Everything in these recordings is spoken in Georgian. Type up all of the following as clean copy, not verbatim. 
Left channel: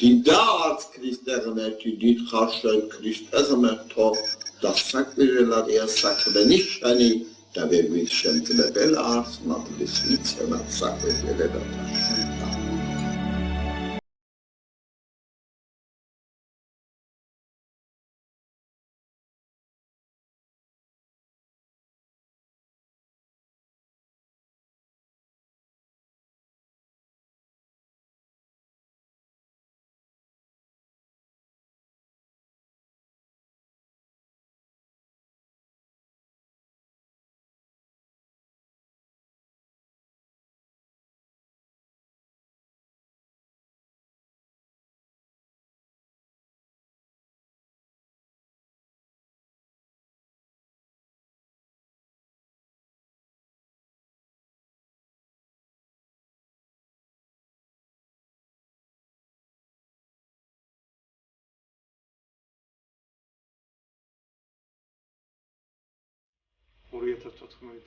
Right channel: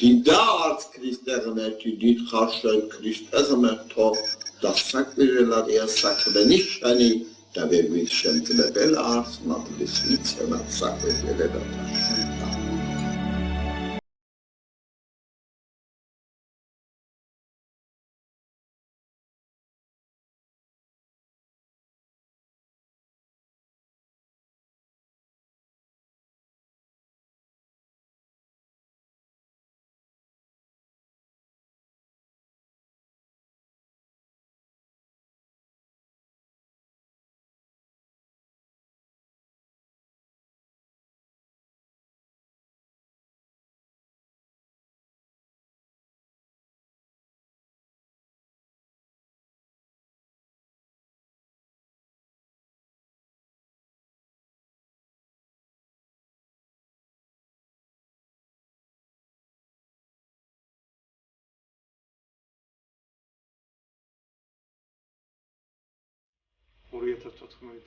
დიდად ქრისტიანეთი დიდ ხარშენ ქრისტიანთო და საკვირველადია საქმენი შენი და ვერ შემძლებელ არს მადლის ვიცემად საკვირველად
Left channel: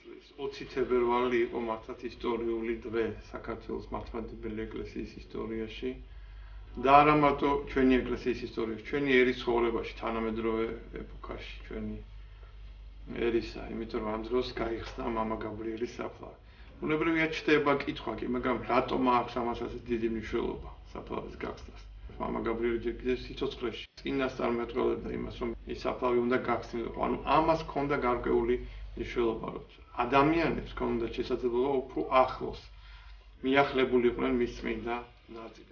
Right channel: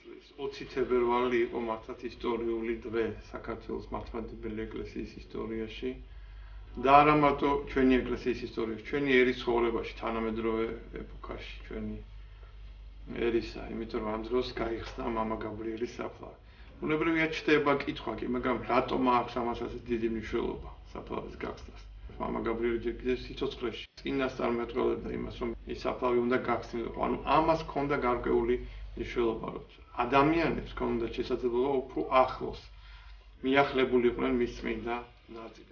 წლის 20 თებერვალი იყო მართლაც ისტორიული დღე საქართველოს მართლმადიდებელი ეკლესიის ისტორიაში და არა მარტო ჩვენი ეკლესიის ისტორიაში, ჩვენი ერის ცხოვრებაში, თანამედროვე ეპოქაში, ჩვენი ერისა, იმიტომ რომ ამ დროს გაიხსნა მამა გაბრიელის საფლავი. ბუნებრივია ჩდება კითხვა კი, მაგრამ რატომ აქვს ამასაც დიდი მნიშვნელობა საფლავის გახსნას? მამა გაბრიელი ჯერ კიდევ სიცოცხლეში წინასწარ მეტყველებდა იმას, რომ ის საფლავი უნდა გახსნილიყო. ანუ ამას ჰქონდა გარკვეული მნიშვნელობა, რომ ადამიანებს ჰქონდათ შესაძლებლობა უფრო ახლოს მიახლებულიყვნენ მის წმინდა ნაწილებს.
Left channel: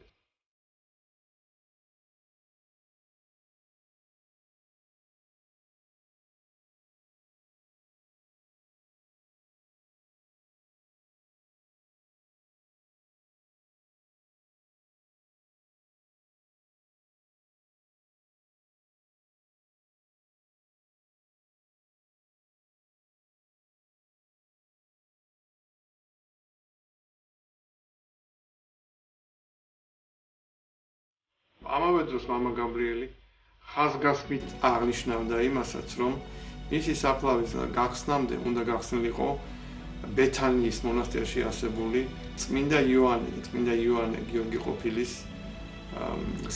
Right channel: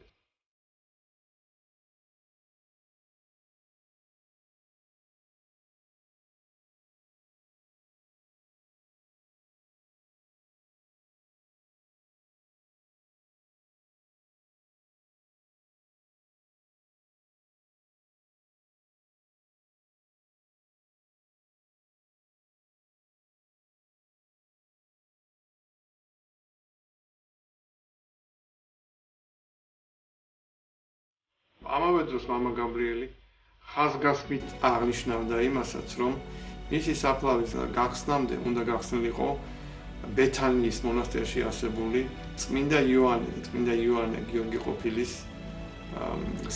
ამავე დროს მამა გაბრიელი ხაზგასმით აღნიშნავდა იმასაც, რომ მისი საფლავის გახსნამდე უნდა გახსნილიყო ბეთანიის მონასტერში არსებული წმინდა იოანე გიორგი ყოფილის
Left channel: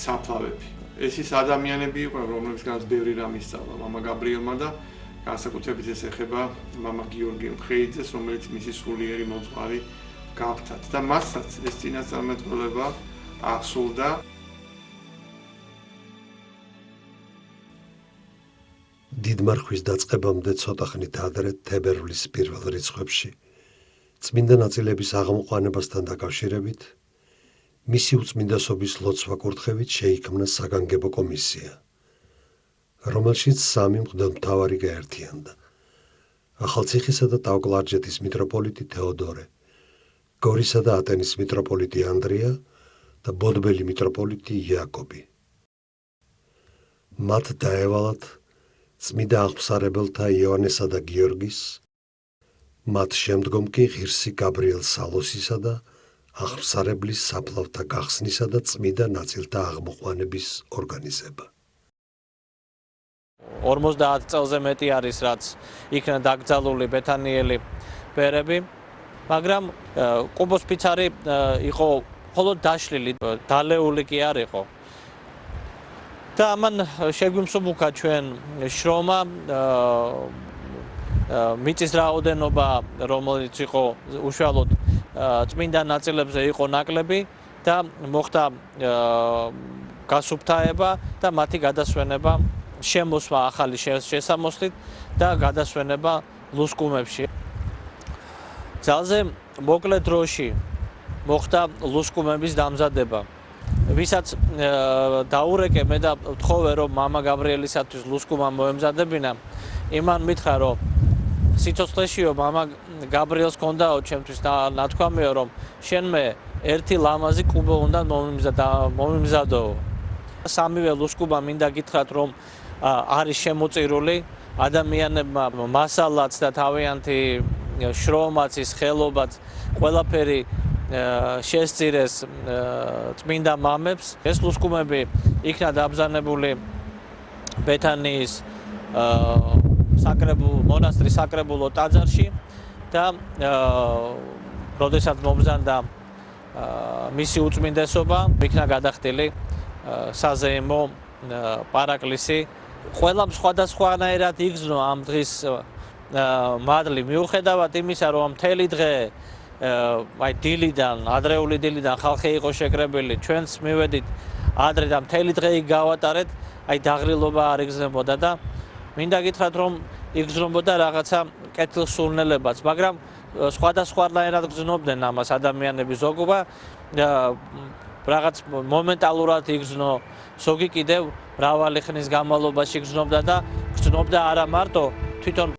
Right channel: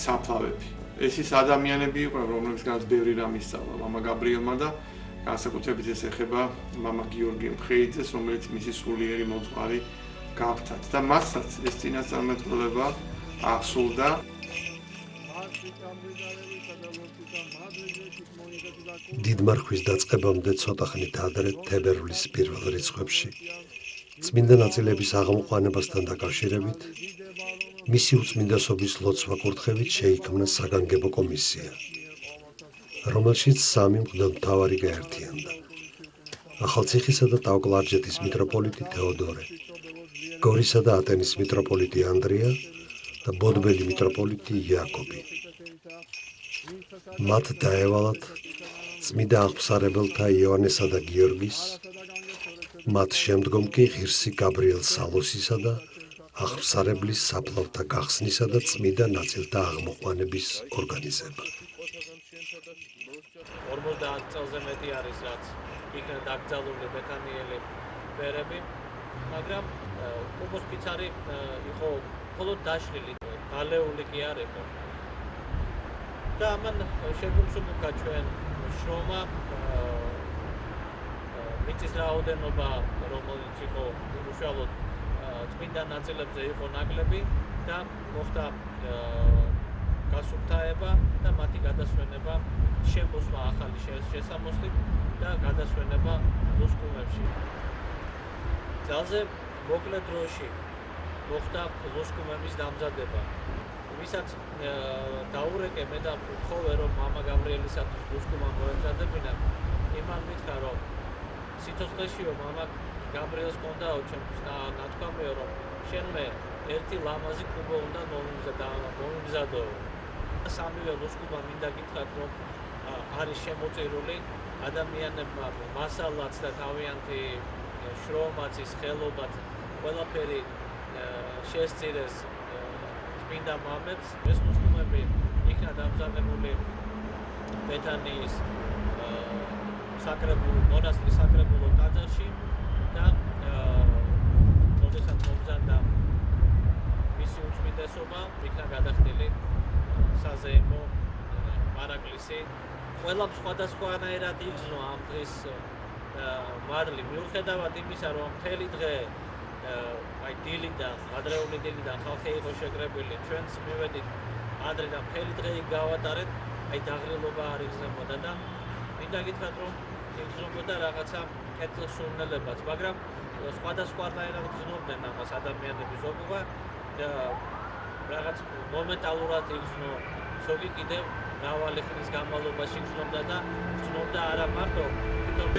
საფლავები. ეს ის ადამიანები იყვნენ, რომლებისგანაც ბევრი რამ ისწავლა მამა გაბრიელმა და განსაკუთრებით ეს ეხება მამა გიორგი მხეიძეს, რომელიც მისი სულიერი მოძღვარი გახდათ და მასაც ეს წინასწარმეტყველება აღსრულდა. დიდმარხვის დაწყებამდე ცოტა ხნით ადრე თებერვლის პირველ რიცხვებში წმინდა ნაწილების აღმოყვანებასთან დაკავშირებით მისი უწმინდესობის ლოცვა კურთხევით შეიქმნა საგანგებო კომისია, რომელშიც სამი მღვდელმთავარი გაერთიანდა: ახალციხისა და ტაო-კლარჯეთის მიტროპოლიტი თეოდორე, გორისა და ატენის მიტროპოლიტი ანდრია და ბოდბელი მიტროპოლიტი იაკობი. მათ დაევალათ წმინდა აღმსარებელთა იოანესა და გიორგის, მათ შემდგომ კი ღირსი გაბრიელ სალოსისა და აღმსარებლის საფლავთა გახსნისა და წმინდა ნაწილთა აღმოყვანების ორგანიზება. 50 წელზე მეტი არის, რაც იქნა დაკრძალული ბეთანიელი ბერები, მაგრამ ყუბოს ფიცარი იყო მხოლოდ დაშლილი, დალეული კი არ იყო. და ამან შეგვიმსუბუქა ჩვენ შრომა მიწის რაოდენობა, რომელიც იყო უშუალოდ წმინდა ნაწილებზე იყო ნაკლები და მოხდა გასუფთავება და მათი გადასვენება, შემოსვა ახალი შესამოსლით და გადასვენება ლუსკუმებში. ძალზე მოკლე დროში მოხდა ლუსკუმების დამზადება. ვისაც დაურეკე მე და ვთხოვე, რომ მამა გაბრიელისათვის ლუსკუმა მოემზადებინა, იმან მითხრა, რომ სიცოცხლეშიო მამა გაბრიელს ჰქონდაო ჩემთვის ნათქვამიო, რომ შენმე ერთი ლამაზი კუბო უნდა მომიმზადო. სამივე ლუსკუმა მინდა გითხრათ, რომ არის შემოწირული ადამიანებმა მასალაც და თავიანთი შრომაც, ის ხელობაც, ყველაფერი შესწირეს წმინდა მამებს. ეს ლუსკუმები იქნა დაბრძანებული ბეთანიის მონასტრის საკრებულო ტაძარში და როდესაც მომზადდა მისი უწმინდესობა, იქნა გადახდილი საზეიმო პარაკლისი ყველამ სხვადასხვანაირად იგრძნო ამ დღის მადლი მიუხედავად იმისა რომ მთელი დღე აი დილიდან ადრეული დილიდან ხალხი იყო შეკრებილი ჩვენც მივედით ადრე და მთელი დღე იქ გავატარეთ აი დაღრილობა არ იგრძნებოდა და მინდა გითხრათ რომ იგრძნობოდა რაღაცა კეთილსურნელებაც მაგრამ სხვადასხვანაირად გრძნობდნენ ამას ადამიანები ზოგობა რაღაც მომენტალურად იგრძნო ზოგი კიდევ მრავალი ხნის განმავლობაში გრძნობდა და გრძნობდა არა მარტო თვითონ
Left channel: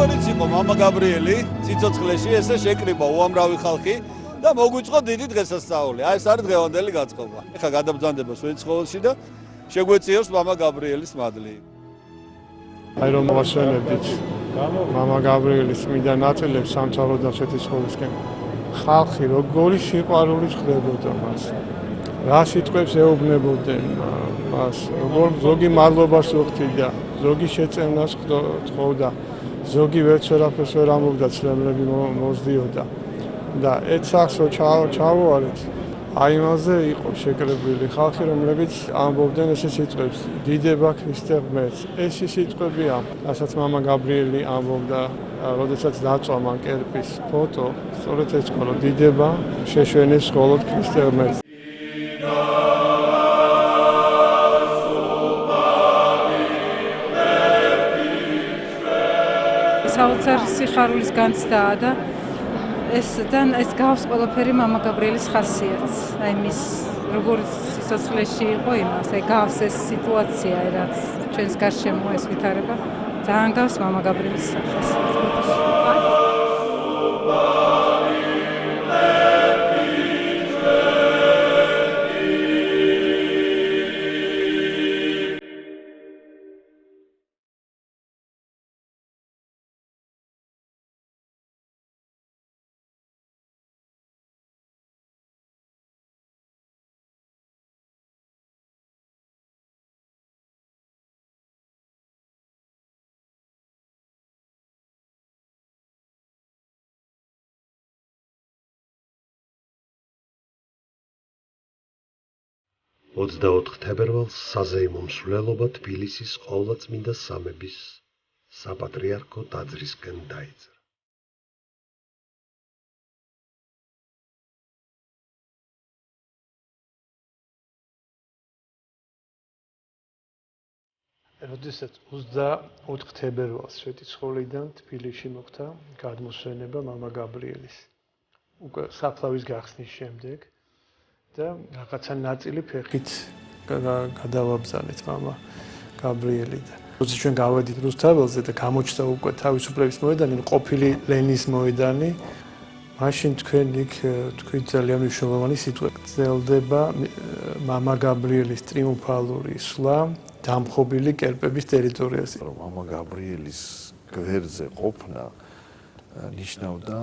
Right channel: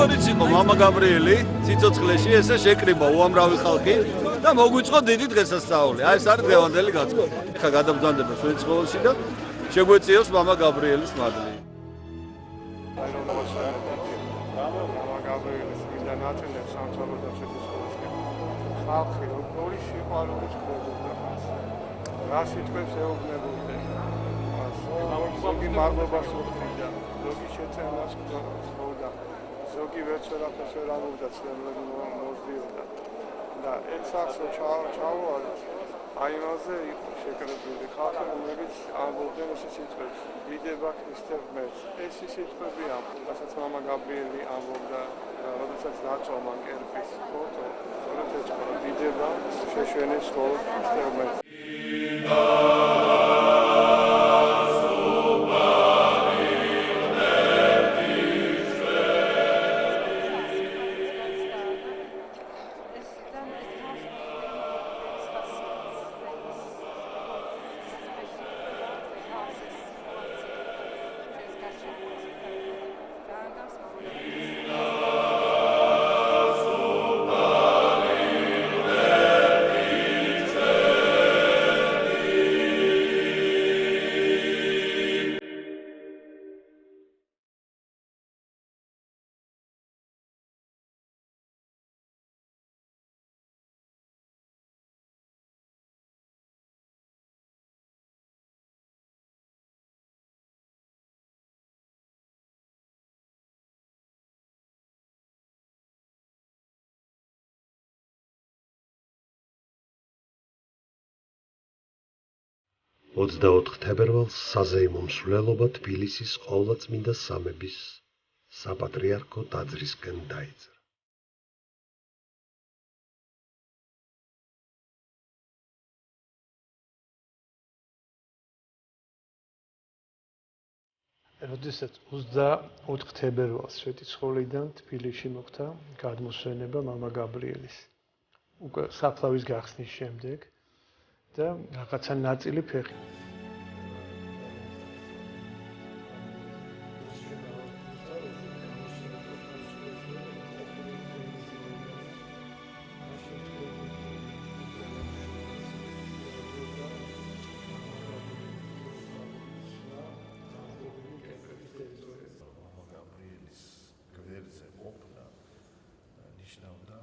როგორიც იყო მამა გაბრიელი ციცოცხლეში ესე შეკრიბა უამრავი ხალხი და მოგვიწყო დიდი დღესასწაული. აი ეს არის დღევანდელი გაწყობა. ეხლა გადაბრძანდება შვეიცხოველში და შეგვეციოს მამა გაბრიელის მადლი. აი რომ მოვასწრებდით მამა გაბრიელის წმინდა ნაწილებს სამთავროდან შვეიცხოველსკენ. ხალხი როგორი სიყვარული ხდებოდა მას. რა სიტყვებს ეუბნებოდნენ მას, როგორ ზოგი მადლობას უხდიდა, ზოგი შეწევნას თხოვდა. ზოგი ვერც ვერაფერს ვერ ამბობდა, ცრემლები მოსდიოდა და ეცახსო ჩავუარეთ. აი მასზე იყო შეკრებილი ხალხი, რომლებიც ამბობდნენ ესე სიტყვებს: დიდება ქრისტე ღმერთს. ეს სიტყვებია, რასაც მამა გაბრიელი ამბობდა, როდესაც დაწვა მან კერპის ფოტო, სწორედ ეს ყოლა დიდება შეშვენეს მხოლოდ ქრისტე ღმერთს. საოცარ სიხარულის განცდაა და ეს გავს ყველაფერი მამა გაბრიელის ხასიათს. აი მის როგორც სიცოცხლეში იყო იმას, აი გავს ეს სიტუაცია, რაც ჩვენს გარშემო ეს ვითარება, ძალიან გავს მამა გაბრიელის ხასიათს. თებერვალს საზეიმო მსვლელობა თბილისის ყოვლადწმინდა სამების საპატრიარქო ტაძრისკენ დაიძრა. როდესაც 24 თებერვალს შვეიცხოვლიდან თბილისში მოხდა გადმოსვენება მამა გაბრიელის. უკვე საფლავის გახსნის შემდეგ და რაღაცა ნაწილი ფეხით გადავაბრძანეთ მამა გაბრიელიდან. როცა ჩვენ გავედით რუსთაველზე და გამოჩნდა უკვე თავისუფლების მოედანი, ყოფილი ლენის მოედანი, მაშინ თქვენ იქ თქვით ძალიან მნიშვნელოვანი სიტყვა. გრძელდება მამა გაბრიელის ტრიუმფალური სვლა დამხობილი კერპების ტერიტორიაზე. მამა გაბრიელის გვერდზე ყოფნა ნიშნავდა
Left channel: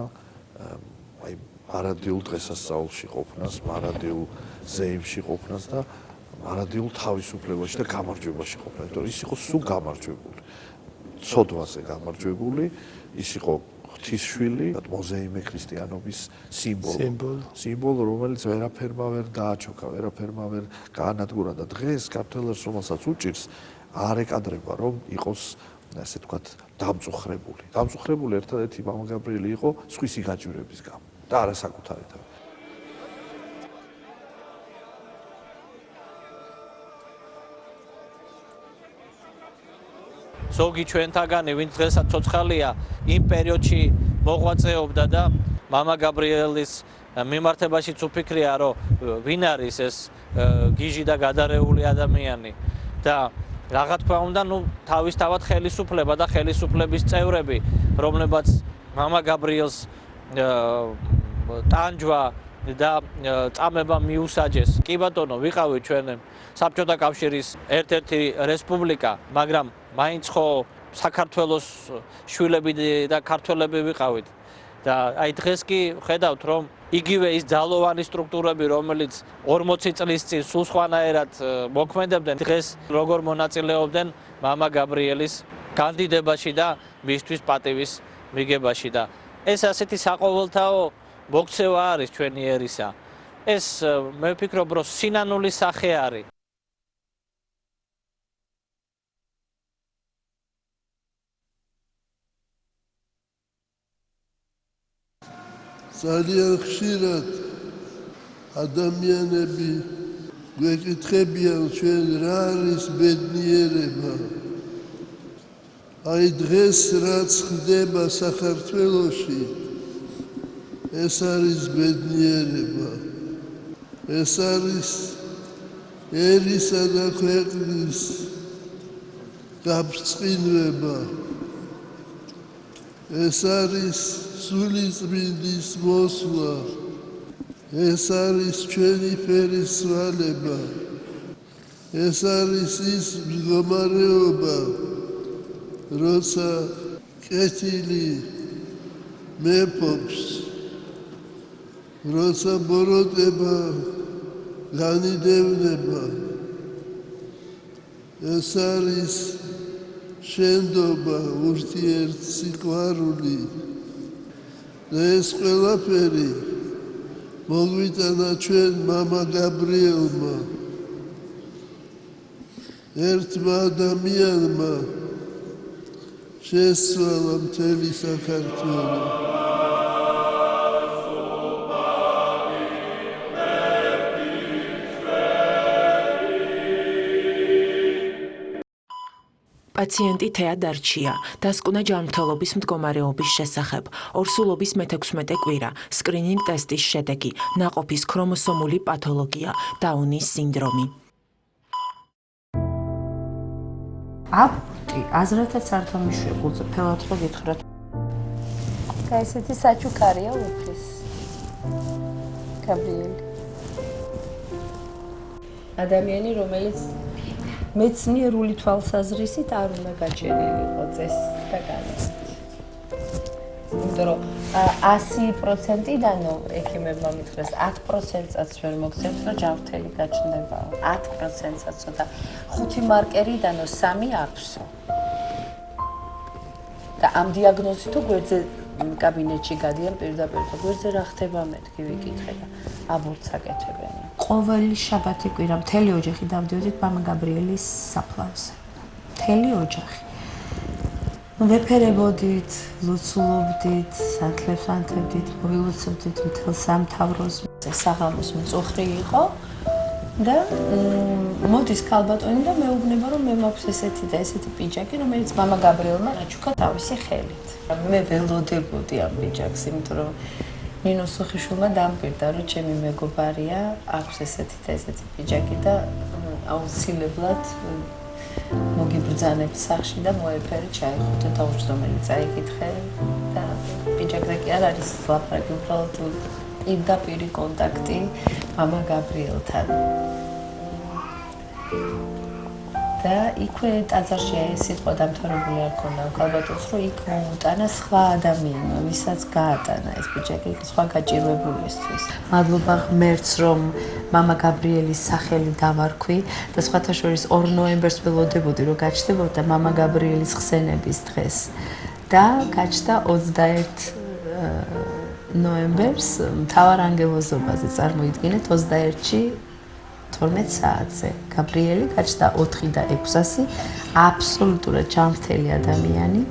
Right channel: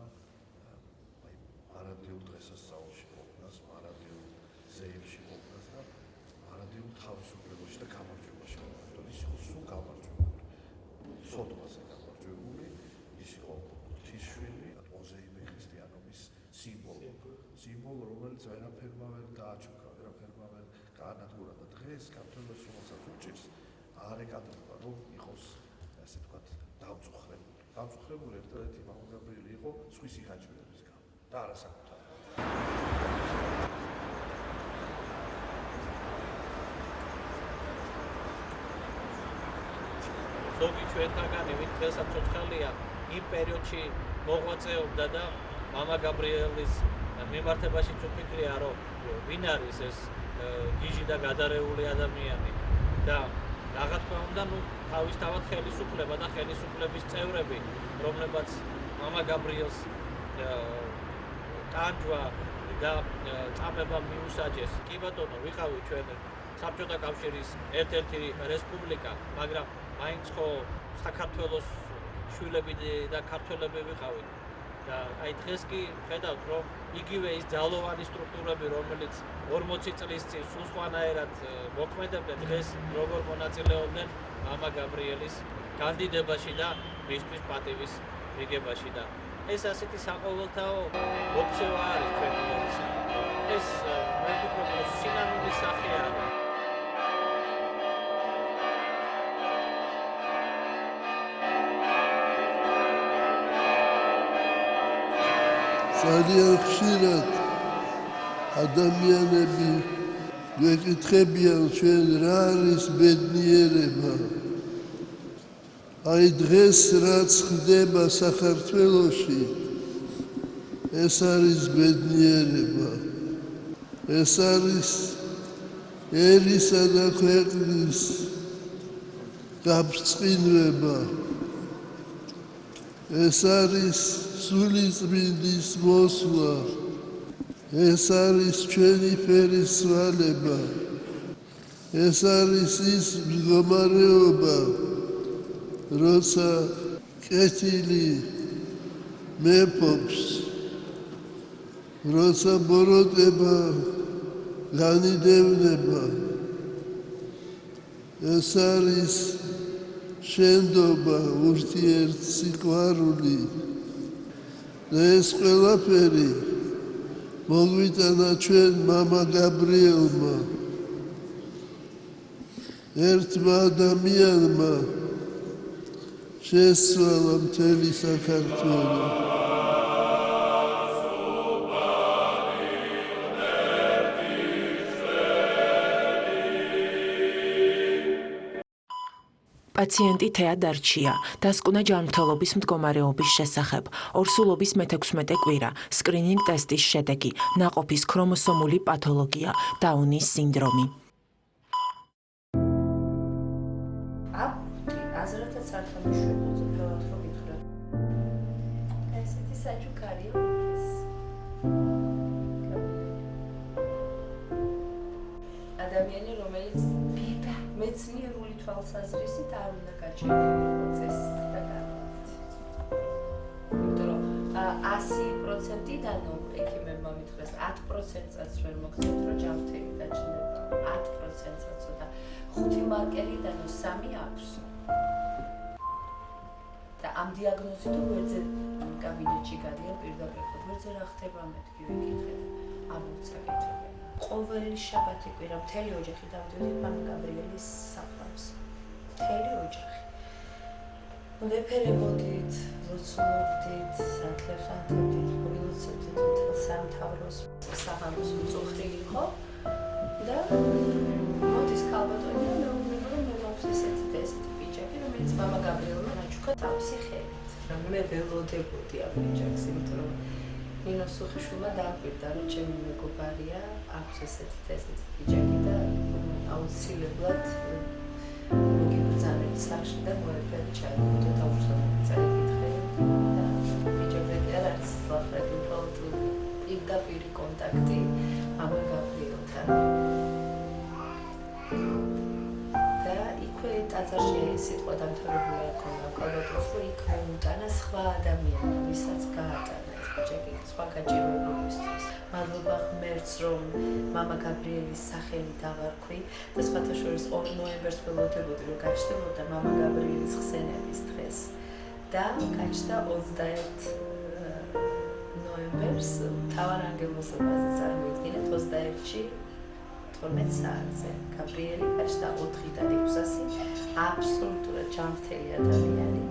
აი მარადიულ დღესასწაულში ყოფნას, მარადიულ ზეიმში ყოფნას და მარადიულ თავისუფლებაში და გამარჯვებაში ყოფნა. იმიტომ ის იყო სულ გამარჯვებული. ცოდვაზე გამარჯვებული, ის იყო ღვთისშვილი, მოზეიმე ქრისტიანობის სიმბოლო, რომელიც ვერაფერმა ვერ დააჩოქა, ვერაფერმა ვერ გაანადგურა და დღეს ქართველებს, რომელსაც უჭირს, არ ეკადრება, რომ იყოს ასე თქვათ, დამწუხრებული. დამწუხრებული ერთადერთი მამა გაბრიელი იყო სხვისი გაჭირვების გამო და არა საკუთარი. ზოგი ჩვენთაგანი, ვინც დღესაც ცოცხალია, იმ პერიოდში მოღვაწეობდა და მამა გაბრიელის მიმართებაშიც უფიქრია, რომ ვინ არის ეს გიჟი და გადარეული ადამიანი და რა თქმა უნდა, თავისთავად ხელისუფლება და ხელისუფლების წევრები, რომლებაც მამა გაბრიელს ტანჯვა და წამება მიუსაჯეს. კი ბატონო, ვიყავით ჩვენ საბჭოთა კავშირის ერთ-ერთი რესპუბლიკა, მაგრამ მაინც ხო საქართველოს შვილები და ქართველები ვიყავით. და აი დღეს კი ხედავთ, რომ იგივე ის ძალოვანი სტრუქტურები, რომელიც 40 წლის წინ სულ სხვანაირად მოქმედებდნენ, დღეს როგორ მონაწილეობდნენ მამა გაბრიელის კანდიდატებაში და მისთვის პატივის მიღებაში და ეს ასეთი საყოველთაო მოქცევა არის ჩვენი ერისა. ეს მე ვფიქრობ, რომ სინანულის სახე არის. ძალიან ხშირად ადამიანები გვეკითხებიან ჩვენ რა არის ბედნიერება. აი დღეს რაც ხდება საქართველოში, ეს არის ბედნიერება. ეს არის ერისა და ქვეყნის გაბრწყინება. ეს არის სულიწმინდის მოსვლა. ეს არის ჩვენი ფერისვალება. ეს არის ის მდგომარეობა, როცა კეთილი მეფობს, როცა ბოროტება განიდევნება. ეს არის შენდობა, ურთიერთსიყვარული. და ეს ყველაფერი მოგვიტანა ჩვენ მამა გაბრიელმა, ერთმა ადამიანმა შესცვალა მთელი საქართველო. პაციენტი თეა დარჩია, დასკვნა ჯანმრთელობის მდგომარეობის შესახებ, ორსულობის მე-16 კვირა, სკრინინგ ტესტის შედეგი, ნაყოფის ქრომოსომული პათოლოგია, დაუნის სინდრომი. აბორტი, აზრათაც არ თამაშებულზე, ფელად ხო გითხრათ. ესეთი საჩუქარია უფლის. გაბრიელი. ადამიანი, რომელიც მეცნიერული თვალსაზრისით არ უნდა გაჩენილიყო წესით და განცდით. იმიტომ რომ 100%-დანო ექიმებმა მითხრეს 10%-საც ვერ მოგცემთ, რომ ჯანმრთელი გაჩნდება. 10%-საც ცოტა 5 მარკერიდანო 3 აქვსო. და ამ დიაგნოზით გვერდზე კაბინეტში გადიან პირდაპირ და გვერდზე რა ხდება მეთქი ვიკითხე და აბორტს აკეთებენ. ყოველი შაბათი კვირა მთელი ოჯახი დავდიოდით მამა გაბრიელის საფლავზე. მთელი ოჯახი. ვეფერებოდით, ლოცულობდით, სანთლებს ანთებდით, მოილოცობდით მთელ სამთავროს. საღამოს მწუხრი იყო და მოდის ქალბატონი და მეუბნება, რომ მე მაქვს ესეთი და ესეთი პიჯაკი, რომელიც მამა გაბრიელმა აჩუქა თავისი ხელით. მე ველოდებოდი ამ პიჯაკს, იმიტომ რომ ნინო სუხიშვილმა დამკვირდა, რომ ჩემი მეგობარია, აქვს ესეთი და ესეთი პიჯაკი და აუცილებლად მოგიბრძანებ სახში და მოეფერე ჩაიხუტე თავს, რომელიც წაიკითხე და პიჯაკზე კი არ არის ლაპარაკი, უბრალოდ პირდაპირი კონტაქტი მამა გაბრიელთან. და იქვე ტაძარში ეს სიტყვა დამთავრებული არ ქონდა ქალბატონს, რომ იქ მოუტანა სხვა ადამიანმა, ვისაც გაატანა ეს პიჯაკი სხვა გაჭირვებულისთვის. მადლობა ღმერთს, რომ მამა გაბრიელის სახელი დავარქვი და სხვათა შორის 2 ნოემბერს ველოდებოდი, რომ გაჩნდებოდა მამა გაბრიელის ხსენების დღეს. და გაჩნდა 21 ნოემბერს მთავარანგელოზობაზე წარმოიდგინეთ 21-ში 12 საათზე. გაბრიელი გაჩნდა 4 და 600 აბსოლუტურად ჯანმრთელი ადამიანი.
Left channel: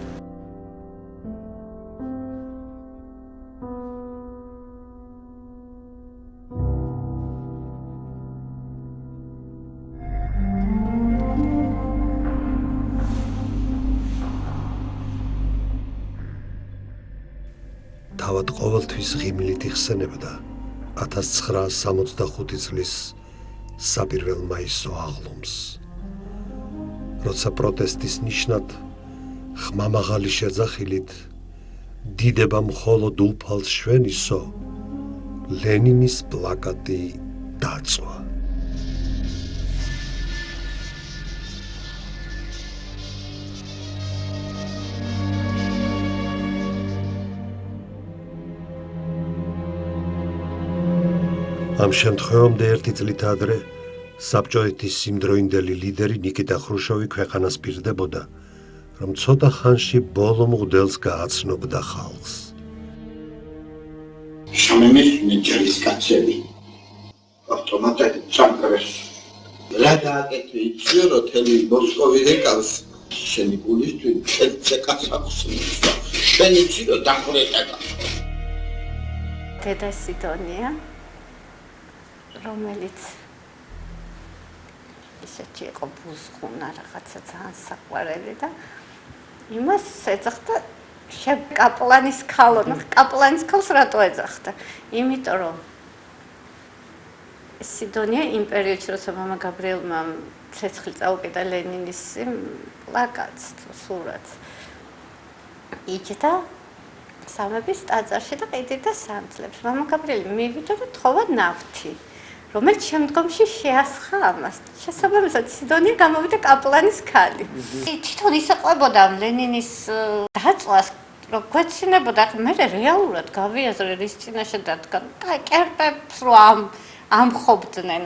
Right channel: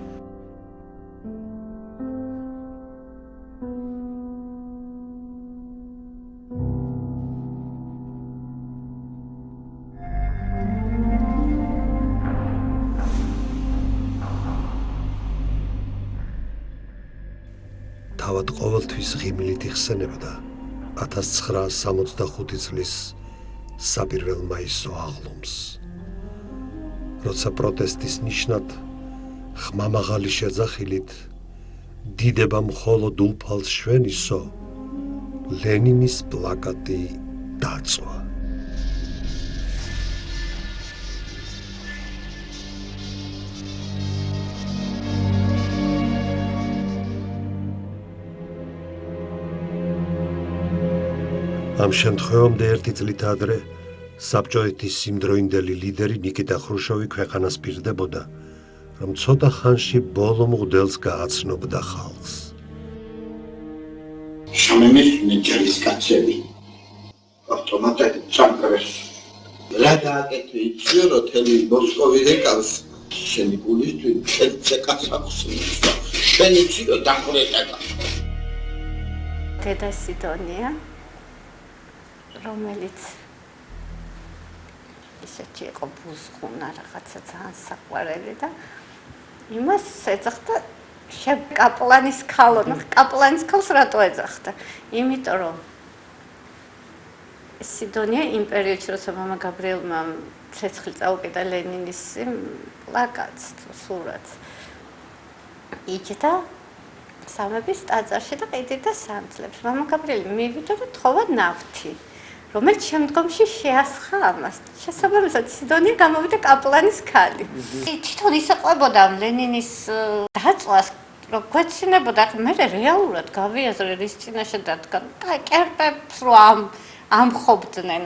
თავად ყოველთვის ღიმილით იხსენებდა 1965 წლის საპირველ მაისო აღლუმს. როცა პროტესტის ნიშნად ხმამაღალი შეძახილით დიდება მხოლოდ უფალს შვენისო, ლენინის პლაკატი დაწვა. ამ შემთხვევამდე ერთი წლით ადრე საბჭოეთის სიმდროინდელი ლიდერი ნიკიტა ხრუშოვი ქვეყანას პირდებოდა, რომ ცოტა ხანში ბოლო მღვდელს გააცნობდა ხალხს. შამემესუნე ჯარისკაცები ავტომატად ჩამკრეს. რა დააკეთე იცი რომ თელი მოსკოვი ეკავს შენი გულისთვის ცეცე კაცავს. შენ იცი რომ დახრეტა. დედა სიდონია რომელიც ისეთი იყო ბუზყუნა რაღაცა ძალიან საყვარელი და იმას ეძახდა კაპლანის ქალო, კაპლანის ქალს რატო ეძახდა? იმიტომ რომ სიდონია იმ პერიოდში როცა მამა გაბრიელმა ცეცხლი წაუკიდა ლენინის პლაკატს თუ სურათს იჯდა სამების ტაძარში და ყიდიდა სანთლებს. მამა გაბრიელი მივიდა და თხოვა ნავთი. რომელიც შემდგომში შეასხა ამას. შესაბამისად, სიდონია გამოვიდა კაპლანის ქალი. თვითონ ისაყვებოდა ლენინის დაწვას, რომ გვეცინებოდა, მე რეალურად გავიაზრე რის წინაშე დადგა. კერპებს რო ამხობდნენ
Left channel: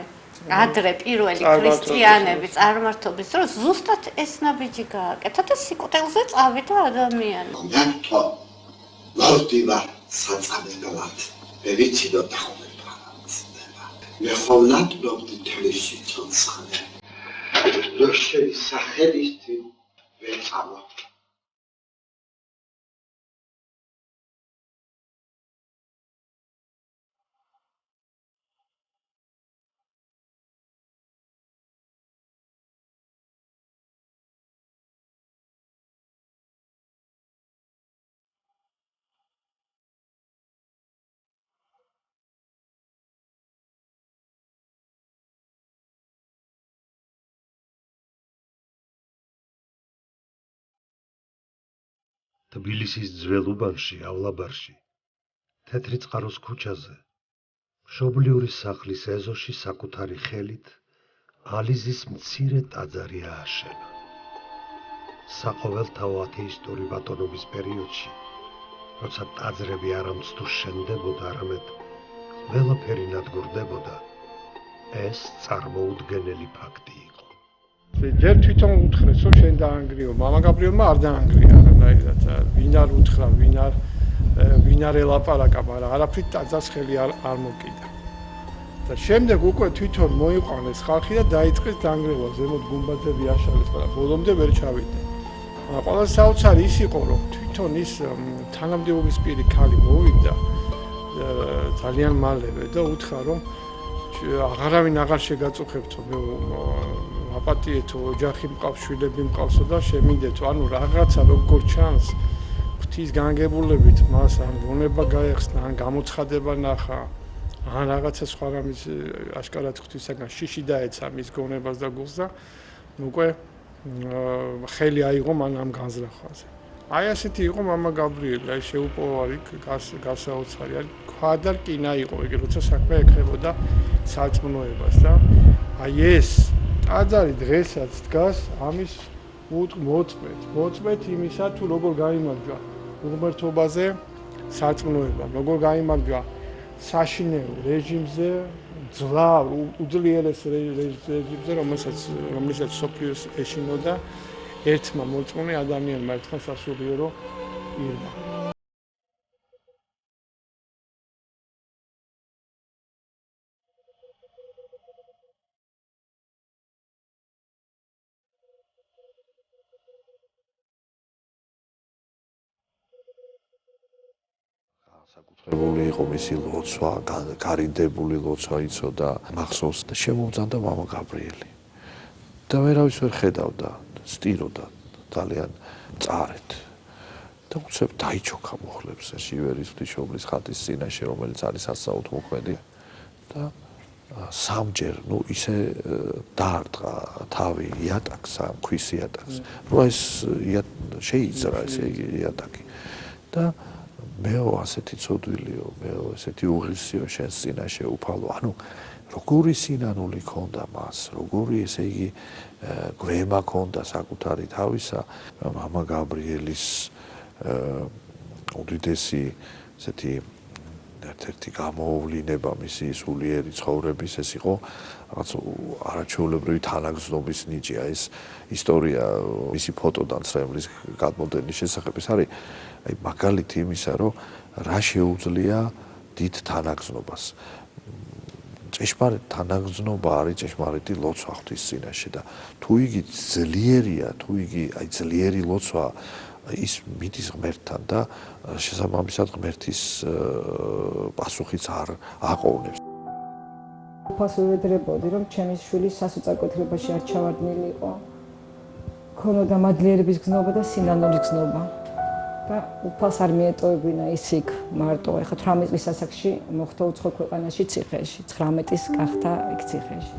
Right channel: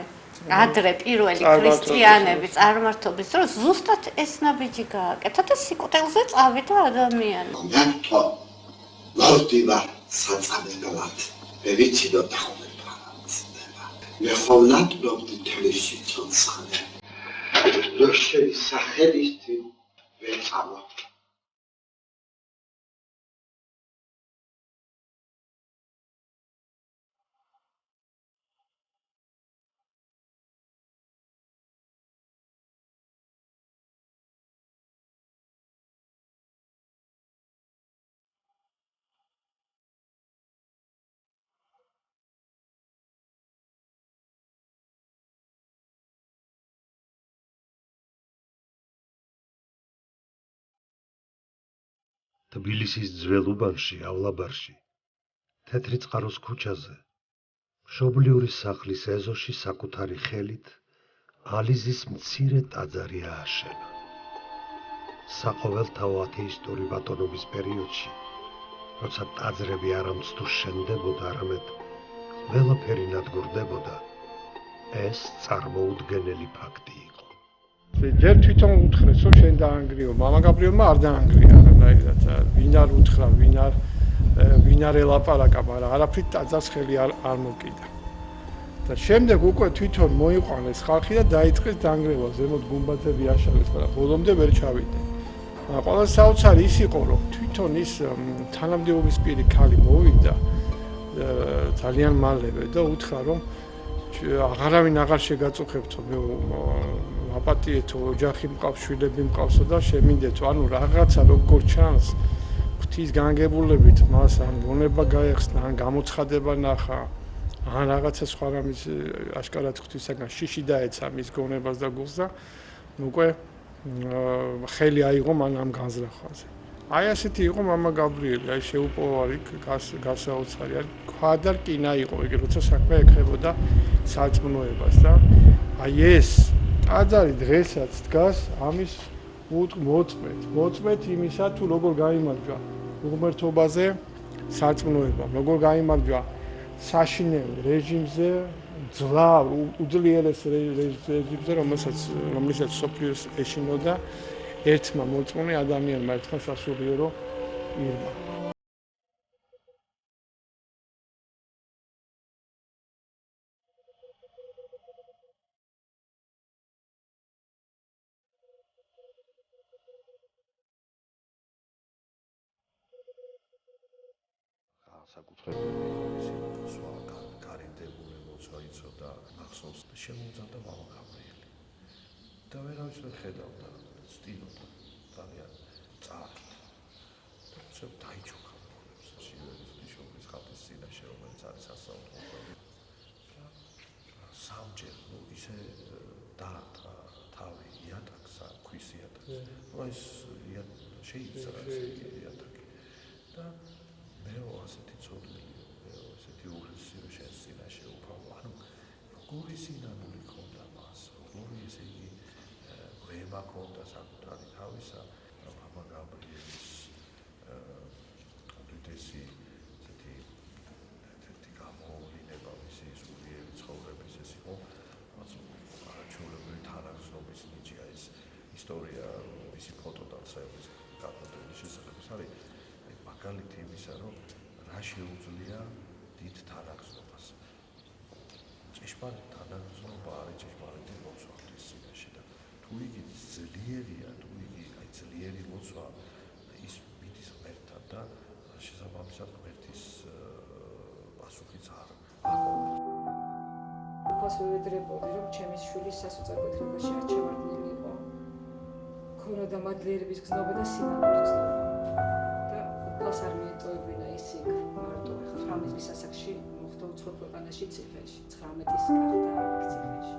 ადრე პირველი ქრისტიანები წარმართობის დროს ზუსტად ეს ნაბიჯი გააკეთა და სიკვდილზე წავიდა ადამიანი. მართო ლავდივა საწამებლად. ვერიცი და მე ხოვლად ნობდი თელეში ცოცხლე. დოშელი სახელისთვის ვეწავა. თბილისის ძველ უბანში,ავლაბარში, თეთრი წყაროს ქუჩაზე, მშობლიური სახლის ეზოში საკუთარი ხელით ალიზის მცირე ტაძარი ააშენა. საყოველთაო ათეისტური ბატონობის პერიოდში, როცა ტაძრები არამცდუ შენდებოდა, არამედ ყველაფერი ნადგურდებოდა, ეს წარმოუდგენელი ფაქტი იყო. ჯერ თვითონ უთხრეს, რომ შენ დაანგრიო, მამა გაბრიელმა არ დაანგრია არანაირად. ვინ არ უთხრა, ვინ არ ელაპარაკა, მაგრამ არაფრით ტაძარს ხელი არ მოკიდა. და შემდეგ უკვე თვითონ მოიყვანეს ხალხი და დაიწყეს დაანგრევა, ზემოთ გუმბათები აშალეს, მაგრამ ბოლომდე ვერ ჩავიდნენ. მაგრამ ყველა საოცარი ის იყო, რომ თვითონ ის თანამდებობის პირი ქალი მოვიდა ძალიან მალევე და უთხრა, რომ აღარავინ აღარ შეგაწუხებთო, მე აპატიეთო, ოჯახი მყავს, შვილები მყავსო და შემინდეთო, ანუ რაღაცა როგორ ჩანს ღვთის განგებულებით მას ან გონება გაეხსნა, ან გამოცხადება ნახა, ან რაღაცა სხვა რამის აშკარად ღვთისაგან შიში დაეცა მის გონებას და გულს და უკვე ხელი აიღო მან ამ განზრახვაზე. აი ასეთი იყო მამა გაბრიელი, აი შეუპოვარი გასაოცარი, აი ქვა და რკინა იყო იგი, როცა საქმე ეკრებოდა სარწმუნოებას და აი ეს ტაძარი დღესაც დგას ამის მოწმეთ იმისა თუ როგორ გაიმარჯვა უღმრთობაზე სარწმუნოებამ, როგორ გაიმარჯვა საშინელ რეჟიმზე, ძლავ უძლიერეს რეჟიმზე, რომელსაც სოფლიოს ეშინოდა ერთმა მოწმუნე ადამიანმა, ერთმა სასულიერო ირმა. საკუთრებული იყო მისი ლოცვა, გარიდებული ლოცვა იცოდა მახსოვს და შემომძანდა მამა გაბრიელი. და ვერავის ვერ ხედავდა, სტიროდა ძალიან მწარედ. და უცებ დაიჩოქა მუხლებს ჟივერის ღვთისმშობლის ხატის წინაშე, რომელიც არის სასაუთმოქმედი და სამჯერ, ისე დაარტყა თავი იატაკს, ქვის იატაკს. ეს შეიძრა ესე იატაკი. და მეო ასეთი ცოდვილიო, მეო ესეთი უღირსიო შენს წინაშე უფალო. ანუ როგორი სინანული ქონდა მას, როგორი ესე იგი გვემა ქონდა საკუთარი თავისა, მამა გაბრიელის უდიდესი ესეთი ერთ-ერთი გამოავლინება მისი სულიერი ცხოვრების ეს იყო რაღაც არაჩვეულებრივი თანაგრძნობის ნიჭია. ეს ისტორია მისი ფოტოდან ცრემლის გადმოდენის შესახებ ეს არის აი მაგალითი იმისა, რომ რა შეუძლია დიდ თანაგრძნობას. ჭეშმარიტ თანაგრძნობა არის ჭეშმარიტი ლოცვა ღვთის წინაშე და თუ იგი ძლიერია, თუ იგი აი ძლიერი ლოცვა ის მიდის ღმერთთან და შესაბამისად ღმერთის პასუხიც არ აყოვნებს. უფალს ვედრებოდი, რომ ჩემი შვილი სასოწარკვეთილებაში არ ჩავარდნილიყო. ქონოდა მადლიერების გზნობა და სინანულის გზნობა. და უფალს არ მიეტოვებინა ის იქ მარტო. ეხლა 18 წლის ასაკში მოხდა უცხო ქვეყანაში ციხეში, 19-ის გახდა იქ ციხეში.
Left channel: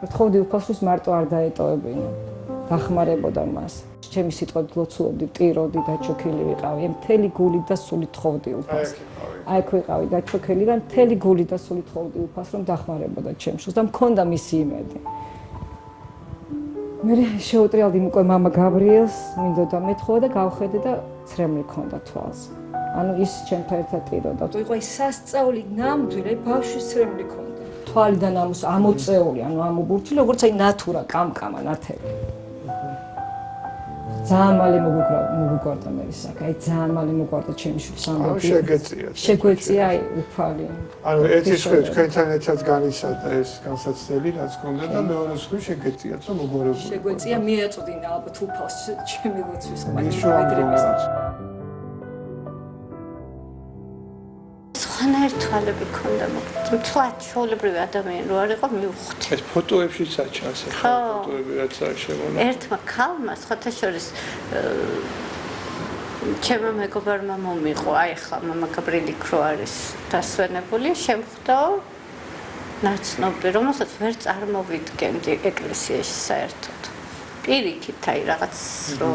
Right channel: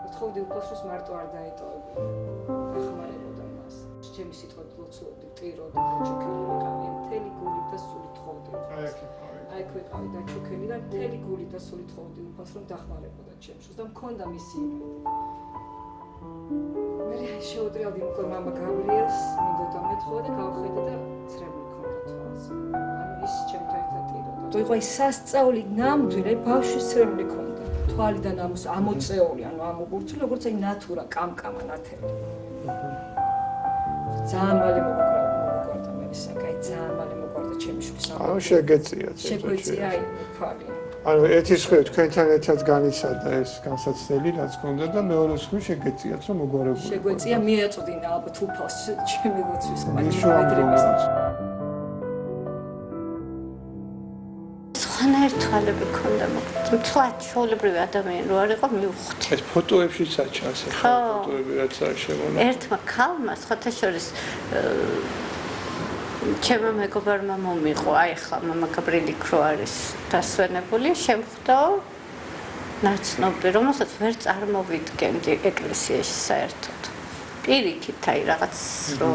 ვთხოვდი უფალს, რომ მარტო არ დაეტოვებინა. დახმარებოდა მას. ჩემი სიტყვებით ლოცულობდი, ტიროდი, დაჩოქილი ვიყავი. მთელი გულით და სულით თხოვდი უფალს. აი აქ ვიყავი დაჩოქილი და მთელი გულით და სულით თხოვდი უფალს, რომ დახმარებოდა ჩემს შვილს და მქონდა მისი იმედი. მე შეუტრიალდი უკვე მამა გაბრიელს, მინდოდა მეთხოვა და გავხედე და ცრემლი ქონდა თვალს. ანუ ის ჩემთან ერთად ტიროდა. იყო ის სასწაული ნამდვილი, ბავშვის ცრემლი ქონდა. თვალიდან ამოწეული, ანუ ამობურთული, როგორც აი ნატურა, კამკამა ნათელი. ძალიან მალე მოგვიგვარდა მე ის საკ, აი ძალიან მალე მოგვარდა ჩემი შვილს ამბობ. ანუ შეგეწია. შეგვეწია აი უფალი. ანუ ერთი ხრი თქვენთან ერთად განიცადა ეს განსაცდელი, რაც გქონდა და მეორე ხრი შეგეწიათ, რომ მოგვარებული. შეგვეწია, მიაწვდინა ალბათ უფალს ჩემი ლოცვის მაგალითად. ხანერ თვალები ქონდა, მაგრამ თვათ ჩვეულებრივი ადამიანი რო არ იყო მივხვდი. ეს ფოტოებშიც აჩანს ახლა ფოტოები რაც არის შემონა. ერთმა ქალმა სხვათა შორის ჩემმა მეგობარმა მომიყო, აი ხა მამა გაბრიელი ქრო არის დასვენებული, შემხვდა ნაცნობი, რომელსაც ვერ წარმოვიდგენდი ეკლესიაში საერთოდ. პირიქით აი რაღაც რო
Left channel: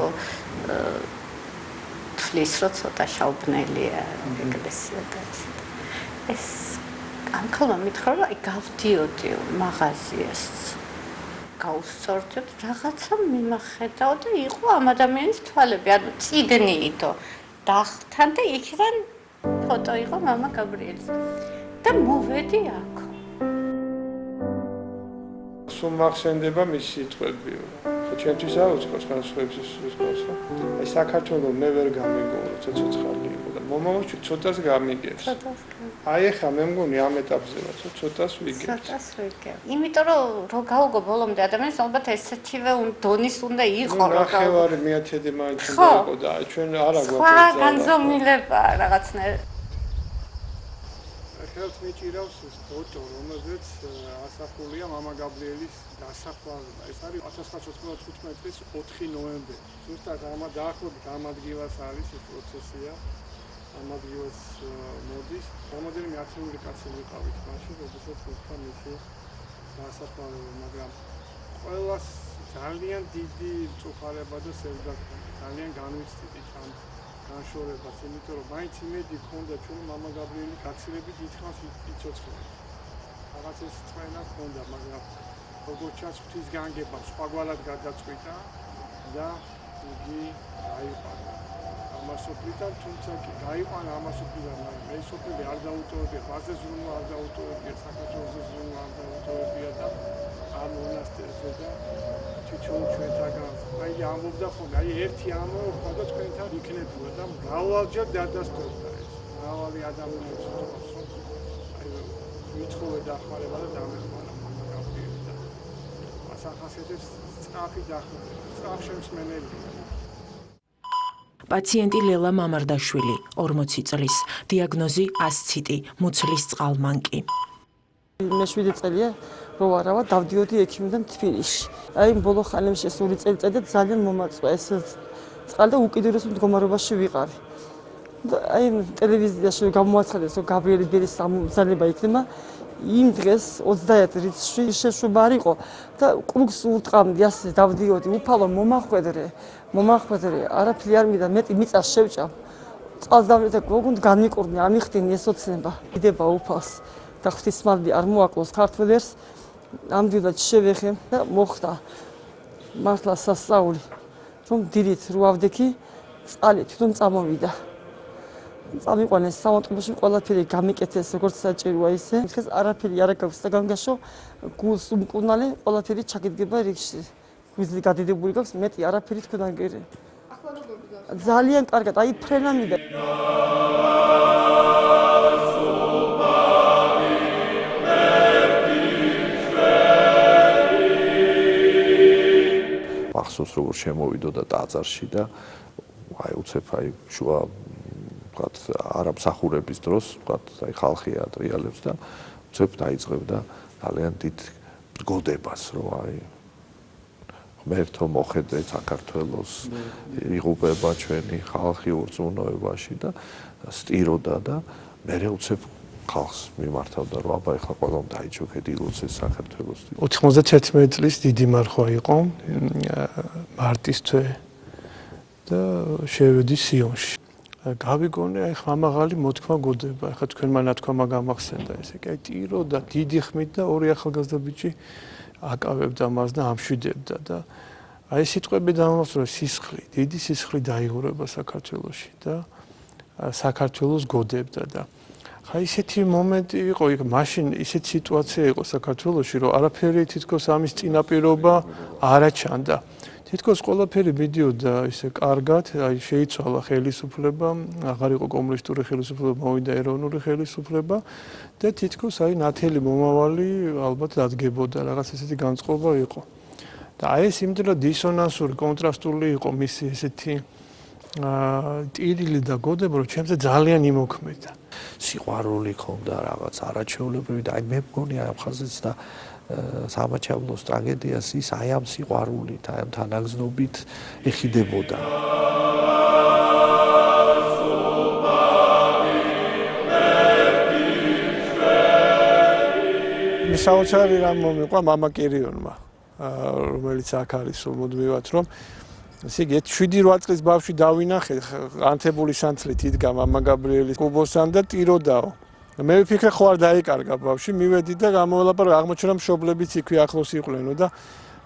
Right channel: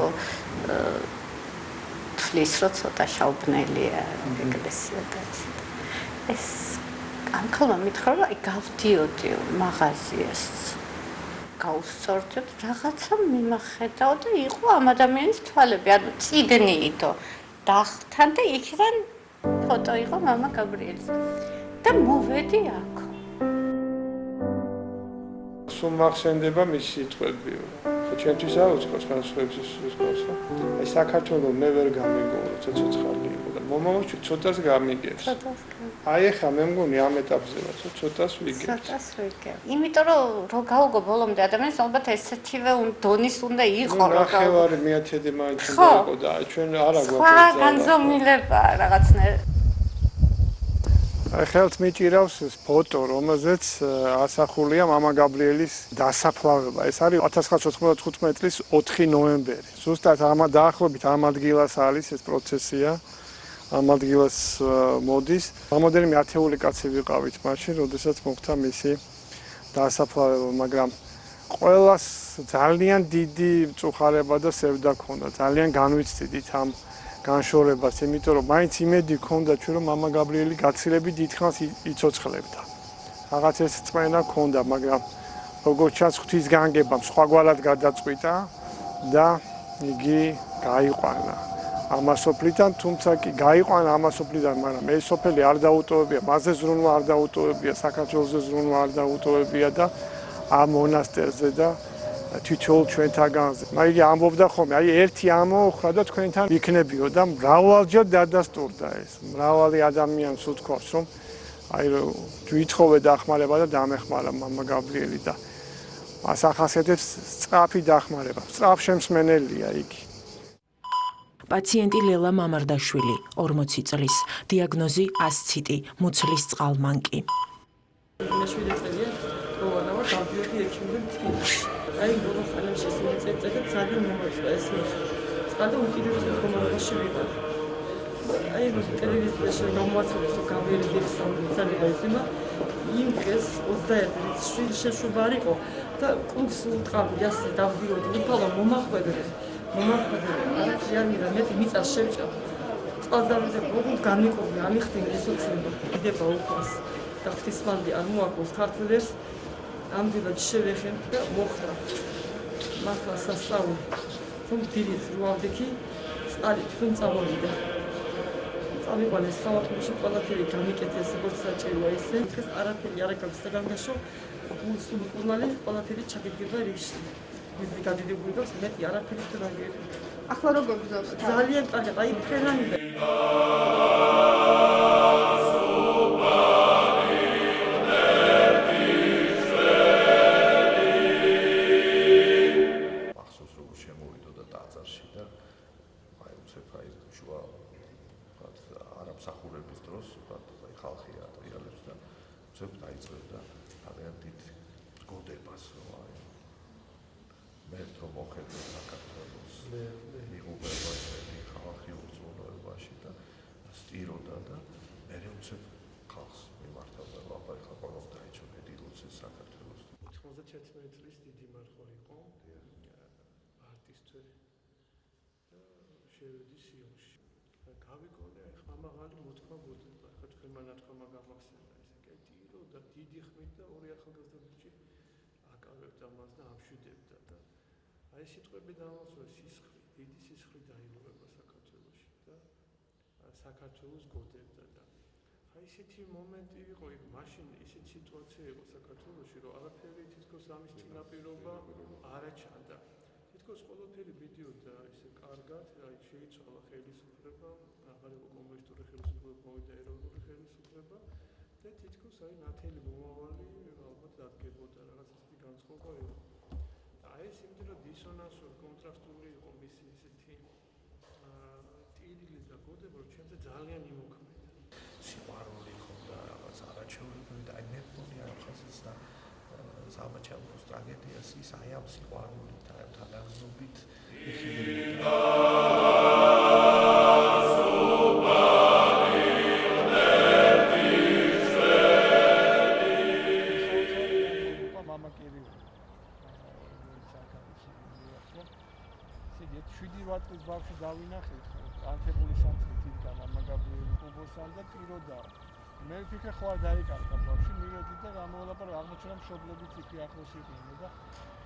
თვლის რო ცოტა შაუბნელია ეკლესია და ეს ამ ქალმა მითხრა, რომ აი გავდიოდი მაღაზიას. გავსწორდით, რაღაცა მიმახედავ და იყო ამ ადამიანის თვალები, ანუ წიგნიითო დახთან და იქიდან ფოტო იყო მამა გაბრიელის. და მოვედი აქ. სულ მახსენდება მისი სიტყვებიო. ჩემთვის არ უცხოს განსხვავების უცხოს. აი საქართველოს მე ვერ გამიგო, როცა ცოცხალი იყო და მომავალში ცოტას გამიგებს. აი ახლა მე მგონი ამ ეტაპზე ვარ, ცოტას ვიგებ. ცოტას ვიგებ. იმიტომ რომ გაუგო ბოლომდე ადამიანს ალბათ ესეთივე დონის უნდა იყო რომ ნახევარი მეათედი მაინც უნდა იყო და ჩვენ არა გვაქვს ეს განზომილება რაღაცნაირად. აი ხელთ მიჭირავს ფოტო, რომელზეც ასახულია მამა გაბრიელის დასაფლავება. ეს არის 1995 წლის 4 ნოემბერი. ზუსტად დაახლოებით ამ ადგილას არის ეს პროცესია. ამ ადგილას მოდის. რამოდენიმე ათეული კაცი ვიყავით მაშინ, როდესაც მოხდა მისი დასაფლავება, მაგრამ ყველას ძალიან დიდი მწუხარება და სევდა ქონდა. ძალიან განვიცდით ამ განშორებას, იმიტომ რომ მაინც იმედი ქონდა ჩვენ რომ მამა გაბრიელი გაცილებით დიდხანს იცოცხლებდა. რაღაც ეს წმენა ქონდა, მაგრამ როგორც ჩანს ღვთის განგებამ სხვაგვარად გადაწყვიტა და იგი გაიყვანა. ამასოფლიდან, თუმცა კი გაიყვანა ამასოფლიდან, მაგრამ ეს სოფელი არ დაუტოვებია, მასზე ზრუნვა არ დაუტოვებია, საქართველოს ზრუნვა არ დაუტოვებია და ამ მონასტერზე და თითოეულ ჩვენთაგანზე. მაიგი ამბობდა ხოლმე, აი ერთი ამოხრა და თქვენთან იქნებიო და მრავალჯერ დადასტურდა ეს. მრავალი ადამიანს უთქვავს, რომ აი თვითხოვე დახმარება და დამეხმარა მამა გაბრიელი და მას ახასიათებს სწრაფი დახმარება. სწრაფშემსმენელია იგი. პაციენტი ლელა მამარდაშვილი, 40 წლის, დიაგნოზი ასციტი, მუცლის წყალმანკი. მე 7 წელია მოვარავა, დავდიოდი ექიმიდან თბილისში. აი ბოლო ხანებში სული წელიწადი ძალიან მომაწვა ეს წყალი და უკიდურეს მდგომარეობაში ვიყავ. აი ტელევიზიაში გამოაცხადეს რომ გაბრიელი ბერის სამზადება იქნება. იმ დღეს 21 რიცხვი შეშვება არ იყო და კლუბს უტყამდი ასე დავდიოდი უფალო მომახვედრე არაფერი არ მიდა მეტი მიწას შევჭამ წყალს დავიდა როგორ განმიკურნე ამიხდინ ესოცნება იდება უფალს და ღვთისმალბი არ მოაკლოს ქართველებს ამდენად შევეხე და მოხდა მართლა სასწაული რომ დილით რო ავდექი წყალი თვითონ წამოვიდა წამიყვანეს სამავტობოში ყველაფერი გამიკეთეს როგორც საჭიროა ისე დღეს არაფერი არ აქვს და განგაშო გულს უმკურნალე ყველაფერი ჩაგიდგება რიგში ვიზი გადიდებული გვაქვს მეტი არაფერი თქვენ გერე ახლა როგორ გძავს ძალიან კარგად აი ფრენამიდა მახსოვს როგორ შემოვიდო და ტაძარში და აი უცებ აი შუა ვთქვათ არამსახურების დროს ვთქვათ აი ხალხი ატრიალებს და უცებ დაიწყებდა ძალიან დიდ გოდებას რომ აი ღმერთო მოხედე საქართველოს იღუპება ჩვენი ხალხი უზრუნოებაში და სტიროდა და მე უცებ ხალხს მიმართავდა რომ აბა ეხლა ყველამ დაიჩოქეთ ილოცეს საქართველოს 91 წლის დიდი მარხვა იყო მარტის თვე და შევედი სიონში გავიგონე აი ხმამაღალი მოთქმა გოდება ეხლა თქვენმა ნათქვამა გამახსენდა ესე კი აი ტიროდა დიდი ხმით და ორი ახალგაზრდა ბიჭი აკავებდა მას და ამშვიდებდა და აი სიტყვები დამასწრო სისხლი დიდი სისხლი დაიღურება საქართველოში და საქართველოს გოდებდა და ხა ისეთი მომენტი იყო იქ მაშინ ისეთი სიტუაცია იყო საქართველოში რომ არაფერი თითქოს ამის წინაპირობა არ აჩანდა თითქოს ყველაფერი მიდიოდა ისე კარგად, აი შეიცვალა ხელისუფლება, აღარ იყო კომუნისტური ხელისუფლება, მოვიდა ეროვნული ხელისუფლება და თითქოს აი ნათელი მომავალი ალბათ დადგებოდა, რაღაც ესეთი განწყობა იყო. და აი ეს იმდენად დისონანსური, კონტრასტული იყო მისი ესეთი ტირილი და გოდება, რომ ჩემზე ძალიან იმოქმედა. სიყვარული ქონდა რაღაც არაჩვეულებრივი და აი მე მგონი ამ ხაზიც და სამაჩაბლოს ტრაგედიას ის აი ამ სიყვარულით, აი ამ თანაგზნობით ეხიდებოდა. საოცარი რამ მომიყვა მამა კირიონმა, რომელიც აქ არის მუდმივად, რომ ესე იგი 7-8 წლის ბავშვი დავინახე ანთებული სანთლით იდგა მამა გაბრიელის კუბოსთან და ტიროდაო. მე ვფიქრე ხო არ დაიკარგა ბავშვი, მივედი და გამოველაპარაკე, აღმოჩნდა რომ მშობლებიც იქვე ახლოს იყვნენ და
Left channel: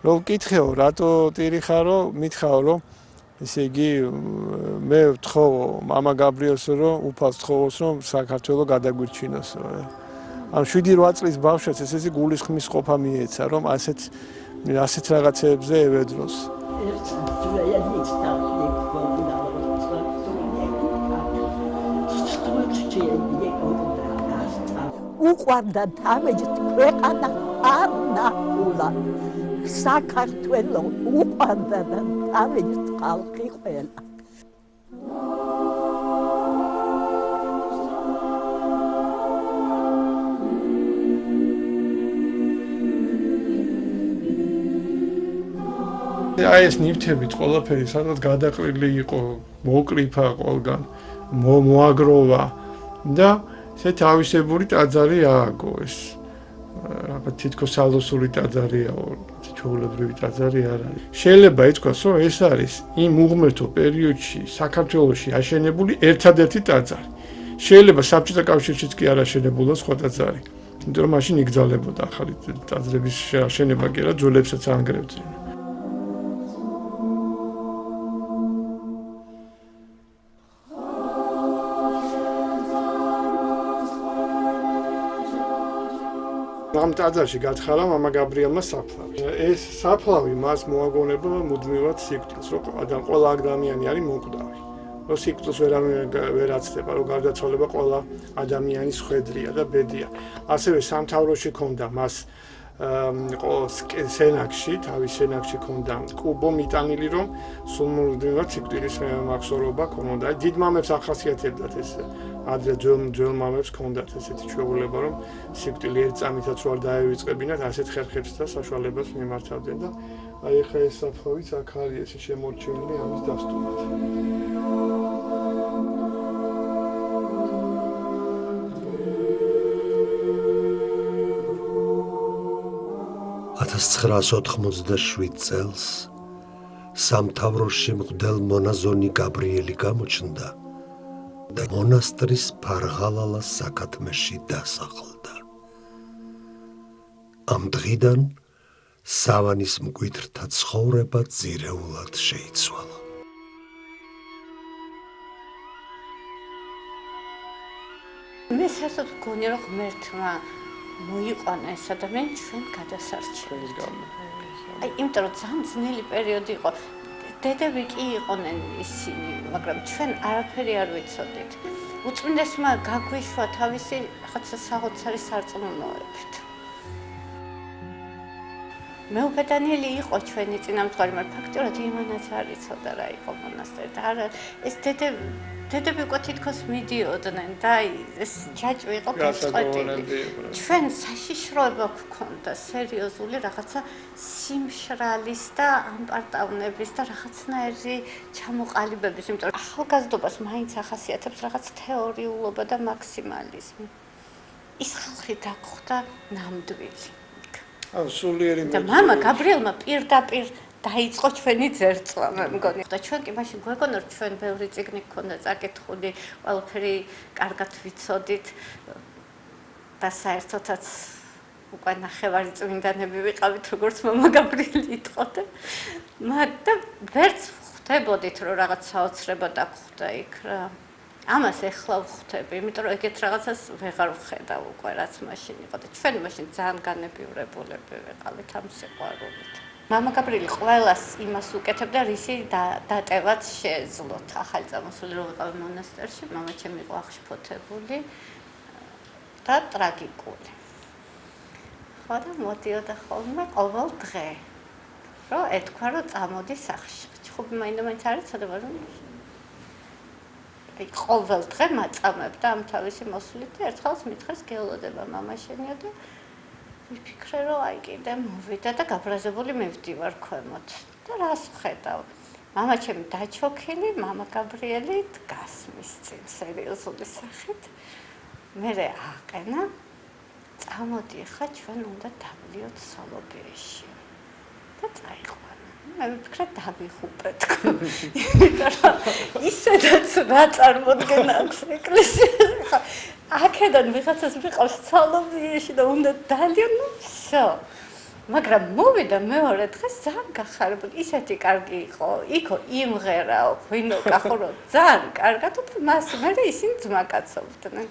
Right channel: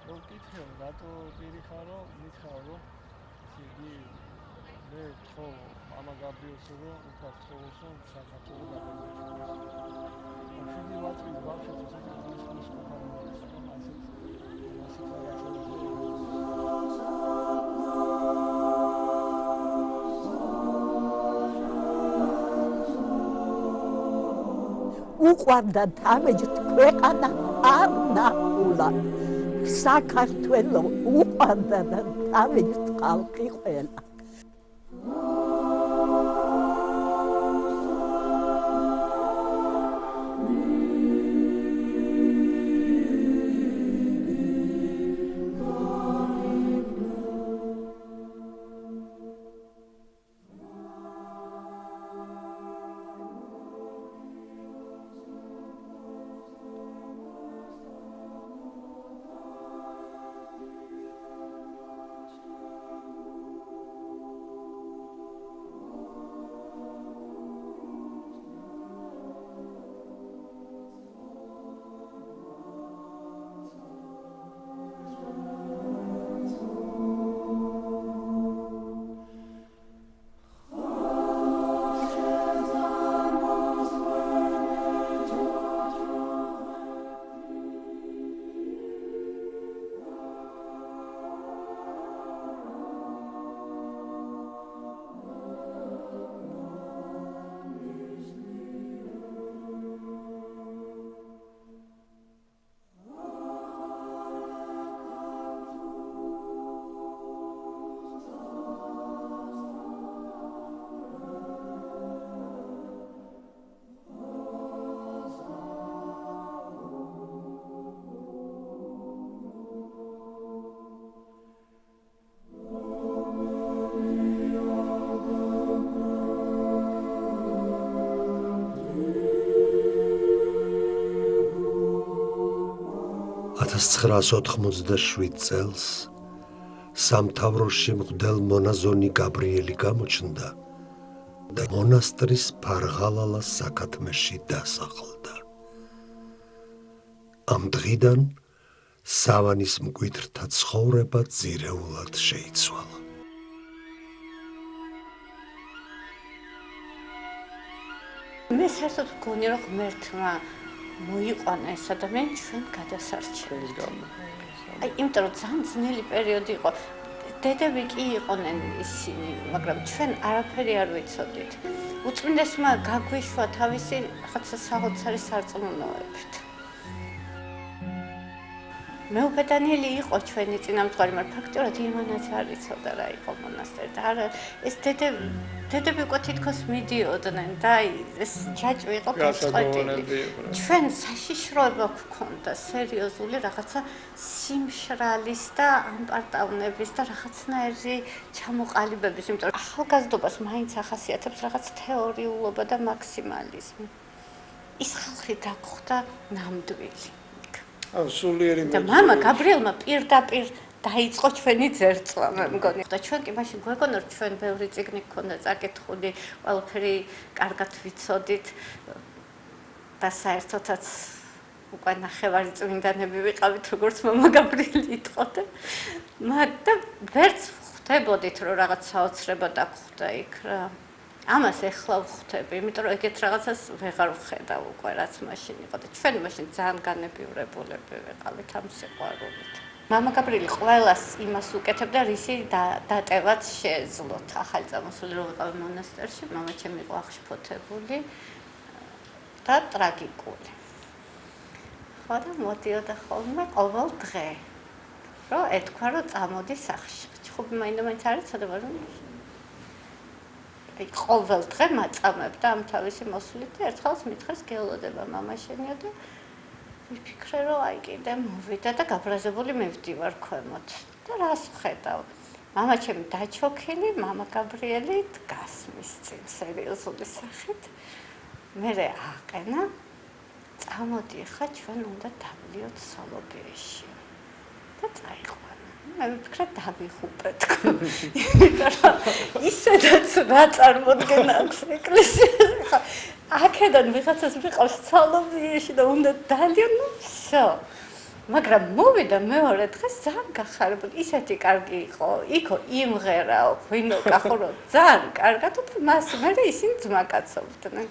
რომ ვკითხეო, რატო ტირი ხარო, მითხაო რომ ესე იგი მე ვთხოვო მამა გაბრიელს რომ უფალს თხოვოს რომ საქართველოს გადაგვირჩინოს. ამ 7-8 წლის ბავშვს ესე გულისხმის ყოფა მიეცა რომ ასეთ რაღაცებზე ევედროს. უყვარდა თავით ქვეყანა არ ნახულა საქართველო უყვარდა და თავით ხალხი ყველა აი ეს ნივთებით ყველაფერი სადღაც გადაყრილი იყო, მოკრიფა ყველგან, მოაგროვა და ესე თავისებური ტაძარი ააგო ეს. რაღაც თითქოს სალოსური ტაძარიაო, ჩვეულებრივი ტაძარი არ არის. შეიძლება ითქვას, რომ ეს არის იმ უღმერთო პერიოდში საქართველოში აშენებული ერთადერთი ტაძარი. შეიძლება საბჭოთა კავშირშიც კი არ აშენებულა სხვა ტაძარი. იმიტომ რომ მაშინ იგზალებოდა ახალი ტაძრების აშენება კი არა, ძვლებსაც ანგრევდნენ. ტაძარში გათხარა მამა გაბრიელმა საფლავი. ეს საფლავი მას მოაგონება მუდმივად სიკვდილს, რომ ყველა ადამიანი არის მომკვდავი. რომ სიკვდილს ვერ აცდება, რომ გარდაცვალება ყველა ადამიანის ხვედრია და ბედია. ასევე სამთავროში ქონდა მას სენაკში, თავის სენაკში ქონდა კუბო მიტანილი, რომ სულ მუდმივად სიკვდილის მახსოვრობა ქონოდა. დიდ მამებს ახასიათებდათ ეს, ადრე ძველ მამებს ქონდათ ესეთი ჩვეულება, რომ სიკვდილი ერთ წამითაც რო არ დაევიწყებინათ, ასეთ ხერხებს და საშუალებას მიმართავდნენ და აი ხა ეს საფლავიც აქ არის ესე შემორჩენილი ამის დასტურად. 1987 წელს სამთავროში მღვდელ მონაზონი გაბრიელი გამოჩნდა და მონასტრის ფარღალალა საკათმეში დასახლდა. ამ დღიდან სავანის მკვიდრთა ცხოვრება ძირეულად შეიცვალა. მე საერთოდ მგონი რომ ღმერთმა მოიყვანა ეს ადამიანი ჩვენ გადასარჩენად. აი, იმიტომ რომ ძალიან ძნელი პერიოდი იყო. დედები კი იყვნენ ისინი, მაგრამ ჩვენ არაფერი არ ვიცოდით. უწმინდესმა გაგვიშვა თავისი რაღაცა საოცარი სარწმუნოებით. მეუბედანიელი იყო ჩვენი წინამძღვარი, მაგრამ ფაქტობრივად იმანაც არ იცოდა რა იყო მონასტერი და არა ეს დედები უკვე თითქოს მიდიოდნენ და ეს ჯაჭვი იყო გაწყვეტილი. ჩვენ საშიშროება გვქონდა სერიოზული რაღაცა სიმშრალის და ამპარტავნების და რაღაცნაირი ჩამოყალიბების, იმიტომ რომ ახალგაზრდობას მაინც ახასიათებს რაღაც თეორიულობა და მაქსიმალიზმი. ის ხალხი დაგხვდა ნამდვილი. სულიერი და მამა გაბრიელმა პირდაპირ დაიწყო ჩვენი ძერწვა, მე მგონი. და ჩვენ კი მაშინ გვეგონა რომ ჩვენ ბევრი წიგნი გქონდა წაკითხული, ყველაფერი კარგად ვიცოდით და საერთოდაც უკვე ნახევარი წმინდანები ვიყავით, როგორც მამა გაბრიელი იტყოდა. და ვერც ხვდებოდით რომ რაღაც საოცრება დაგხვდა იქ რა. ამას ეხლა ვხვდები, იმიტომ რომ ეგეთ რაღაცას ვეღარ ვხედავ უკვე რაც მაშინ იყო და ჩვენ მაშინ ძალიან განებივრებულები ვიყავით ამ სიყვარულით. მამა გაბრიელი ყველას იმას უკეთებდა, რისი დატევაც შეეძლოთ. ახალი წამოსული რო ვიყავი მონასტერში, მამა ჩემი იყო აღშფოთებული და ტრაგიკული. ხო და მოდიოდა ხოლმე ყოველ დღე, რომ ეთქვა რომ წამოდი სახლში. ჩხუბი მაინდა-მაინც არ იცოდა, მაგრამ ყოველ დღე მაწამებდა ამ თავისი მოსვლით და ერთხელს მითხრეს გეოლოდება მამა შენია და ვიფიქრე რომ აი კიდე მოვიდა და გაბრაზებული მივდივარ ქვემოთ და რას ვხედავ. მამა ჩემი დაჩოქილი, მამა გაბრიელი დგას მის წინ სერიოზული სახით. მე აყენა წამოდი ხა ჩვენ უნდა დავლიოთ სალობეში და წაიყვანა. მე ვფიქრე დავიხუპე თქო. ისედაც რა წარმოდგენა აქვს ეკლესიაში. აქედან ვიღაცას ვიყავს სალობეში და უნდა დალიონ, всё. მაგრამ მოვიდა მეორე დღეს ძალიან გახარებული. ისეთი კარგი იყო. იქო იმღერაო, ვინო კახურო ძალიან კარგად და მას მე ისინი ძმაკაცობდნენ.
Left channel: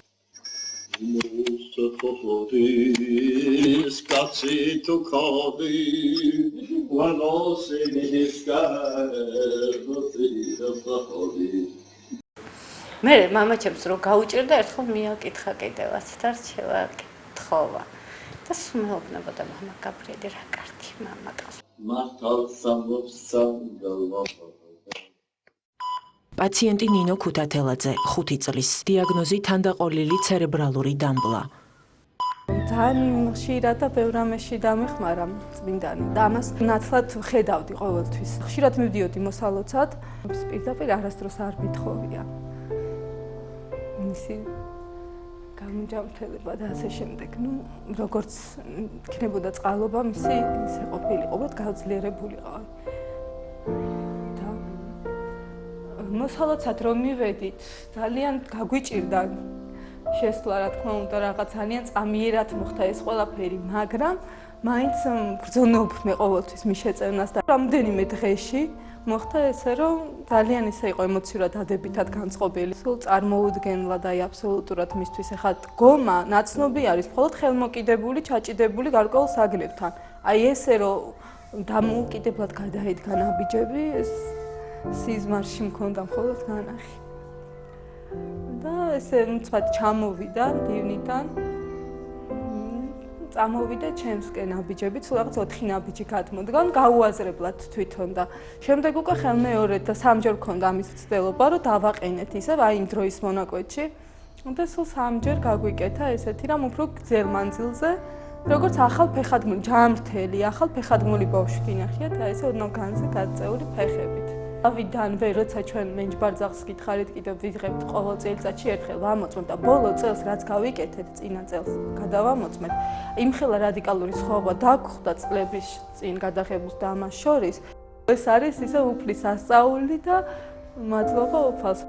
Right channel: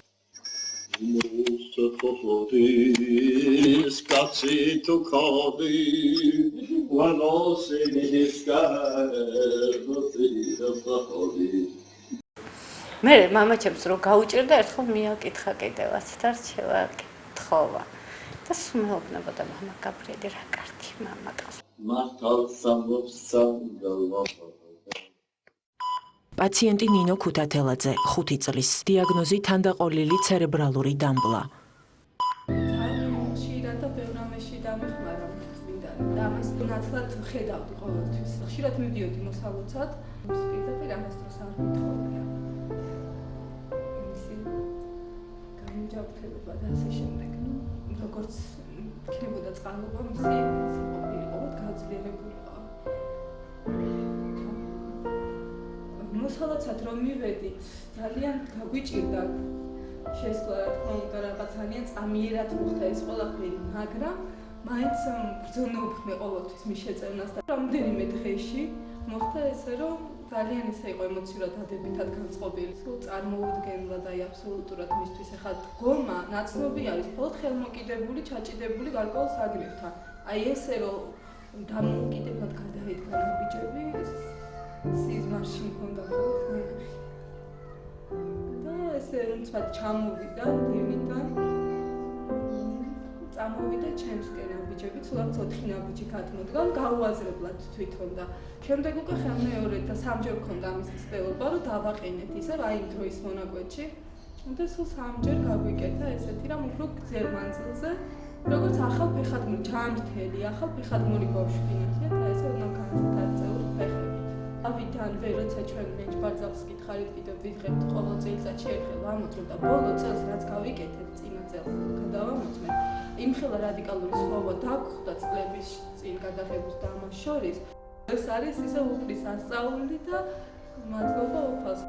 მე მამა ჩემს რო გაუჭირდა ერთხელ მიაკითხა კიდევაც და რჩევა თხოვა და სუმეუბნებოდა მამა გაბრიელი რა კარგი მამა ყავს. პაციენტი ნინო ქუთათელაძე, 5 წლის, დიაგნოზი თანდაყოლილი ცერებრალური დამბლა. ძალიან ხშირად და ბევრ რამეში დამეხმარა წმინდანი და ამას ნათლად ხედავდი ყოველთვის. ხშირად მივდიოდი მოსალოცად, პირდაპირ არასდროს არ მithოვია. მისი გამოჯანმრთელება და ასე შემდეგ. როგორც იქნებოდა წყალობა, მისი ისე ყოფილიყო, უბრალოდ გაძლიერებულიყო. მოსალოცად რომ მივედით, ძალიან გაგვიჭირდა შესვლა, რა თქმა უნდა, რაღაც ძალიან წამიერად მოხდა ეს ყველაფერი, მაგრამ მაინც ბრძონობდნენ ყოველთვის მის შეწევნას და რამდენიმე დღეში მოხდა ესე, რომ ძალიან ისე იყო ემოციურად დადებითად განწყობილი. სულ წარმოუდგენლად აი აბსოლუტურად მისთვის ახლა დგომა ნაცნობი არის მხოლოდ ხელმოკიდებული, ჩაჭიდებული გარკვეულ საგნებთან. აი ესე რომ დამოუკიდებლად გადაედგა ნაბიჯები, ეს სიზმარში მქონდა მხოლოდ ნანახი. და ესე უცბად ჩამოვიდა დივნიდან. წამოვიდა ჩემსკენ ნაბიჯები, თუ რაღაც 4 ნაბიჯი გადმოდგა, გაუაზრებლად თვითონ და შემდეგ უკვე ხელმეორედ და სამჯერ მქონდა ამის ცდილობა, რომ დავაყენეთ ისე აი იმ დროის მონაკვეთში. და სულ სამჯერ გაგვიკეთა ესეთი რამ უფრო გრძელ მანძილზე, როგორც ახალ ფეხადმული, ჯამრთელი, ახალ ფეხადმული ბავშვი გინახიათ, აი ესე ოდნავ განზე გაწეული ფეხებით. ავიდანვე როცა ჩვენ მენჯბარძახს გითხარით კიდევ ვიღებთ ყოველ წელიწადში ერთხელ ვამოწმოთ და ბოლო წელს რაც გავიკეთეთ წინა წელს გადავამოწმეთ იმხელა რადიკალური სხვაობა დაგხვდა წლების წინ გადაღებულს და ამას შორის ეს არის ისე უფლის ასწაული და მადლობა უფალს.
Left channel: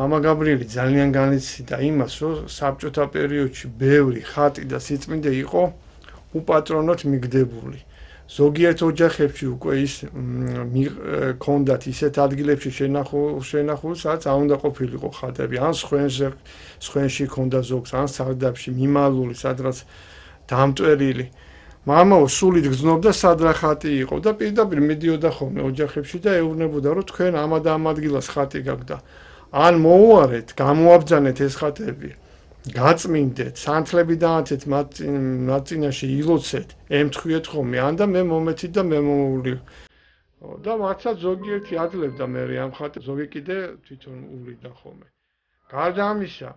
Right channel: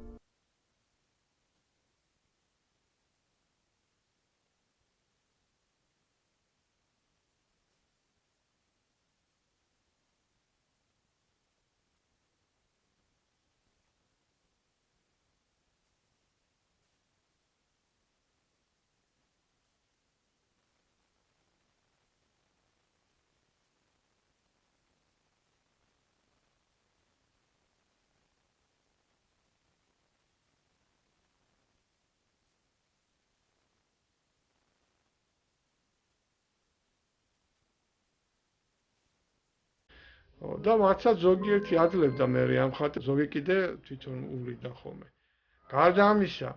მამა გაბრიელი ძალიან განიცდიდა იმას, რომ საბჭოთა პერიოდში ბევრი ხატი და სიწმინდე იყო უპატრონოდ მიგდებული. ზოგიერთ ოჯახებში უკვე ის ქონდათ ისეთ ადგილებში შენახული, სადაც არ უნდა ყოფილიყო ხატები, ან სხვენში ქონდა ზოგს, ან სარდაფში მიმალული, სადღაც დამტვერილი. მამაო სულით გრძნობდა სად რა ხატი იყო და პირდაპირ მიდიოდა ხოლმე ოჯახებში და ეუბნებოდა, რომ თქვენ ამ და ამ ადგილას ხატი გაქვთ და ან მოუარეთ, გამოაბრძანეთ ეს ხატები. გაწმინდეთ, სანთლები დაანთეთ მათ წინაშე ილოცეთ, ემთხვიეთ ხოლმე, ან და მე მომეცით და მე მომული. და მათაც ზოგიერთი აძლევდა მე ამ ხატებს, ზოგი კიდე თვითონ ულიდა ხოლმე. გარდა ამისა,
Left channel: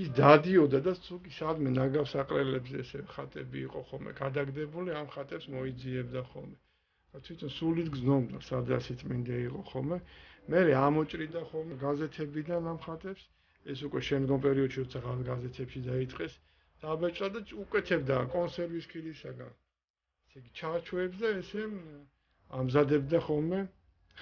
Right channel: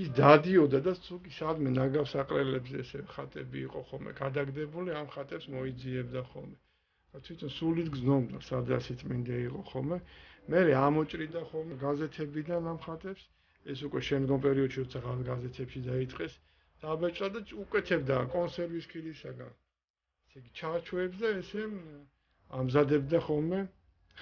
ის დადიოდა და თუკი სადმე ნაგავსაყრელებზე ესე ხატები იყო ხოლმე გადაგდებული, ამ ხატებს მოიძიებდა ხოლმე. თვითონ სულით გრძნობდა, სადაც სიწმინდე იყო ხოლმე. მე ამოჭრიდა ხოლმე გაზეთებიდან ამ ხატებს. ეს უკვე შემდგომ პერიოდში როცა გაზეთებში დაიწყეს დაბეჭდა და უკეთებდა კონსერვის ხილისაგან. ესე იგი ჩარჩოებს და ესე ამზადებდა ხოლმე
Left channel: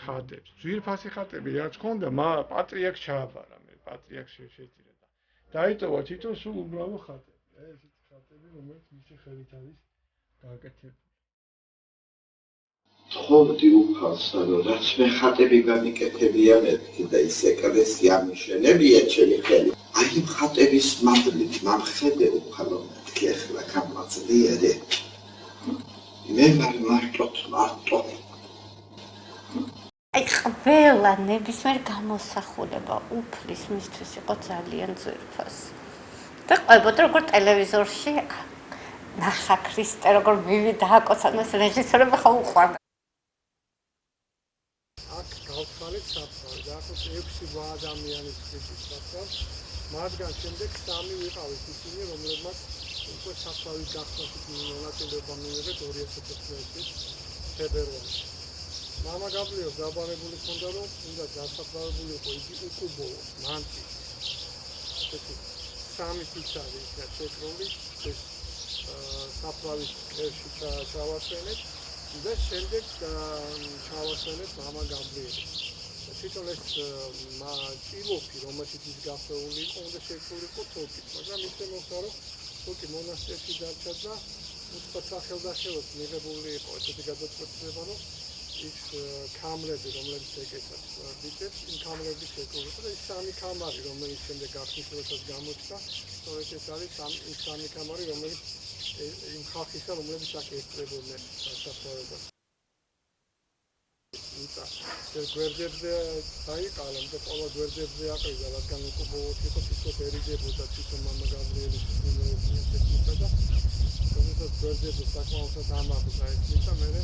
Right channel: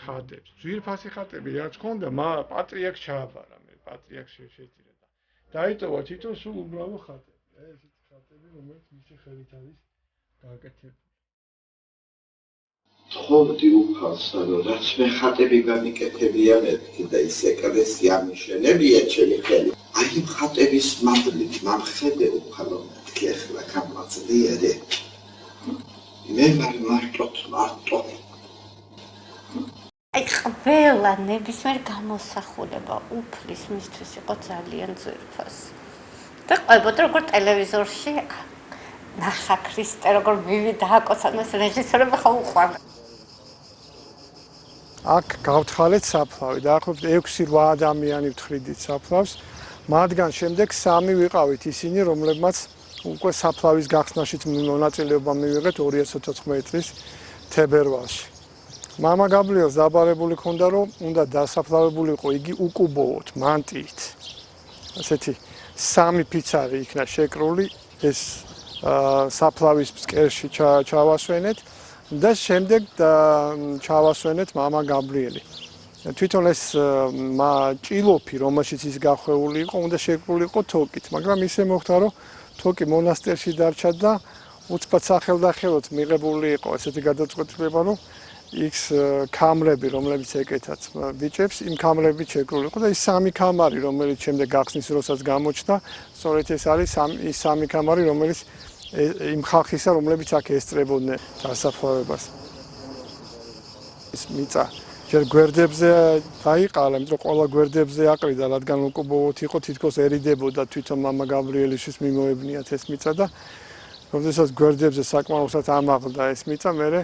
ხატებს. ძვირფასი ხატები რაც ჰქონდა, პატრიარქს ჩააბარა მე, პატრიარქს შეჭირა და დაიტოვა თვითონ სულ უბრალო ხატები. ესეთი ხატები, რომელიც მისი ხელით არის გაკეთებული. თხოვდი უფალსა, რომ რაც მე ხატები გამიკეთებია მეთქი და ის ეკლესია მიშენებია ჩემი ხელით. აი იმ ხატების მადლით მამხედე უფალო მეთქი ახლა გამაძლიერე. მე მარტო. აი ყველა ნებისმიერ გამოსახულება უფლის მისთვის იყო ძალიან ძვირფასი. და ყვებოდა როგორ ტელევიზორში ნახა ქრისტე როგორ მივიდა აკოცანას რეჟისორები ხო უყვარდა. აქ გავთხალეთ საფლავი, დაახლოებით 6-8 ადამიანი ვთხრიდით საფლავს. მათგან შემდეგ 3 ვიყავით ისინი, რომლებმაც უკვე საფლავის გახსნაშიც მონაწილეობა მივიღეთ 2014 წლის თებერვალში. მამა გაბრიელს დაბარებული ჰქონდა, რომ უნდა დასაფლავებულიყო იგი უკუბოოდ, მანტიით. ასეთი 3 ფიცარი იქნა შეკრული, ეს საფლავის ფსკერში ჩავასვენეთ. და შემდეგ ჩავასვენეთ მამა გაბრიელი. თვითონ ეს ჭილოფი, რომელშიც ის გახვეული იყო, უნდა შეკრულიყო თოკით, მაგრამ ისე მოხდა, რომ თოკი მონასტერში დარჩა და უცბად სახელდახელოდ მიღებული იყო ესეთი გადაწყვეტილება, რომ იქ კამრები, რომლებიც ეკეთათ ბიჭებს, იმ კამრებით შეკრულიყო და ის 3 კამარი, რომელიც შემდეგ გახსნის დროსაც გამოჩნდა, სწორედ ეს არის ის 3 კამარი, რომელიც იმ ხალხისა, რომლებიც აქ ესწრებოდნენ დასაფლავებას. ის მიწა ჯერ გვერდებზე დაიყალა, იმიტომ ყველა გვერდებზე აყრიდა, რადგან უკუბოოდ იყო, თითქოს ერიდებოდა თვითონ მამა გაბრიელისთვის მიმოებნიათ ეს მიწა და როდესაც გვერდებზე საკმაოსად ამაღლდა ეს მიწა, მერე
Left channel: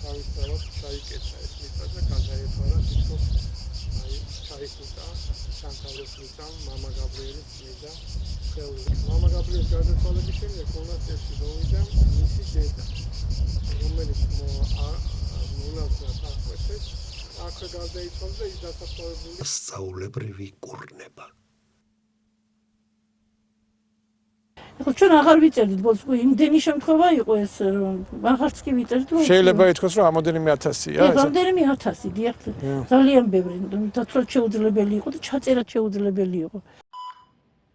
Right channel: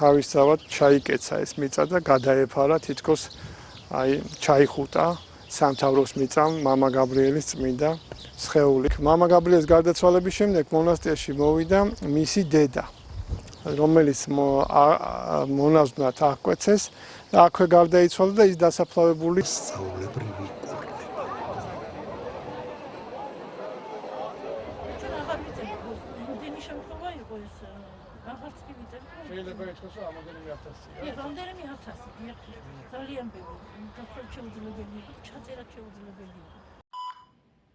თავისთავად ჩაიკეცა ეს მიწა და გადაეფარა თითქოს აი ჩაიხუტა სამთავროს მიწამ მამა გაბრიელის წმინდა სხეული. მამა გაბრიელის გარდაცვალების შემდეგ მონასტერში მოვიდა მისი დედა, რომელიც მონაზვნად აღკვეცეს და აქვე გარდაიცვალა და ის დასაფლავებული სწავლებრივი კურნება. ჩვენ აღარ ვიწერთ ბოლოს, იმდენი შემთხვევა იყო ეს, აღარც კი ვიწერთ. შეიძლება ითქვას, რომ ამოდენიმე 1000-ია ეს. ამოდენიმე 1000, დიახ. ძალიან ბევრი, დათვალ შეუძლებელი იყო და ჩაწერაც შეუძლებელი იყო.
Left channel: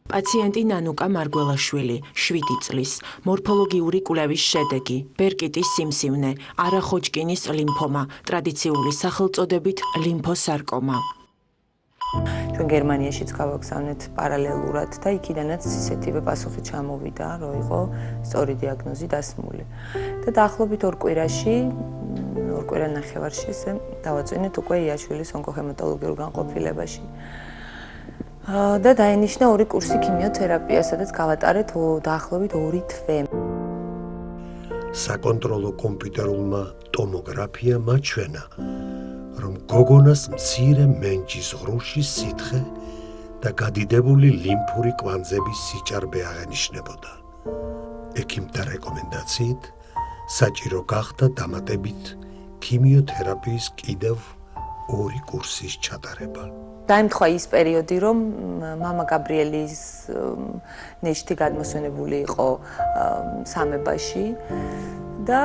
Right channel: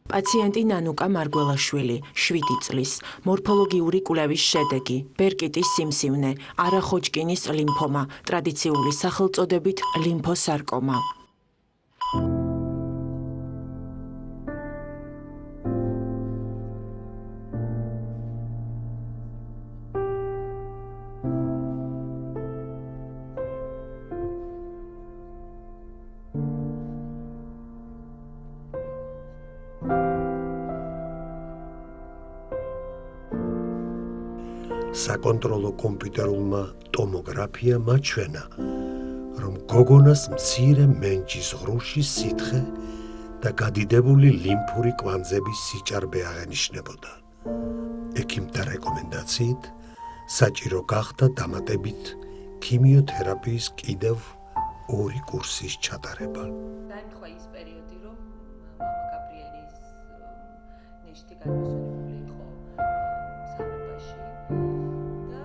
პაციენტი ნანუკა მარგველაშვილი, 7 წლის, მორფოლოგიური კვლევის შედეგი, ბერკიტის სიმსივნე, არახოჯკინის ლიმფომა, ტრადიციული სახელწოდებით ლიმფოსარკომა. ჩვენ გერმანიაშიც გავაგზავნეთ პარალელურად და იქიდანაც ისეთივე პასუხი ჩამოვიდა, რომ იყო სწორი დიაგნოზი დასმული. და დაახლოებით 2 კვირაში, 2 კვირა ნახევარში ესე დავაწვინეთ უკვე იაშვილის ონკოჰემატოლოგიურ განყოფილებაში. და დაინიშნა 2 კურსი ქიმიოთერაპია, სადაც გავატარეთ დაახლოებით 2 თვე. საკონტროლო კომპიუტერულმა ტომოგრაფიამ აჩვენა, რომ გოგონას მცირე მენჯის ღრუში სითხე და გადიდებული ლიმფური კვანძების სიჭარბე აღენიშნებოდა. ექიმთა რეკომენდაციით საჭირო გახდა დამატებით ქიმიოთერაპიის კიდევ 2 კურსის ჩატარება. დაემთხვა ის პერიოდი, რომ მამა გაბრიელის ნეშტი გადმოსვენებული იყო სამებაში და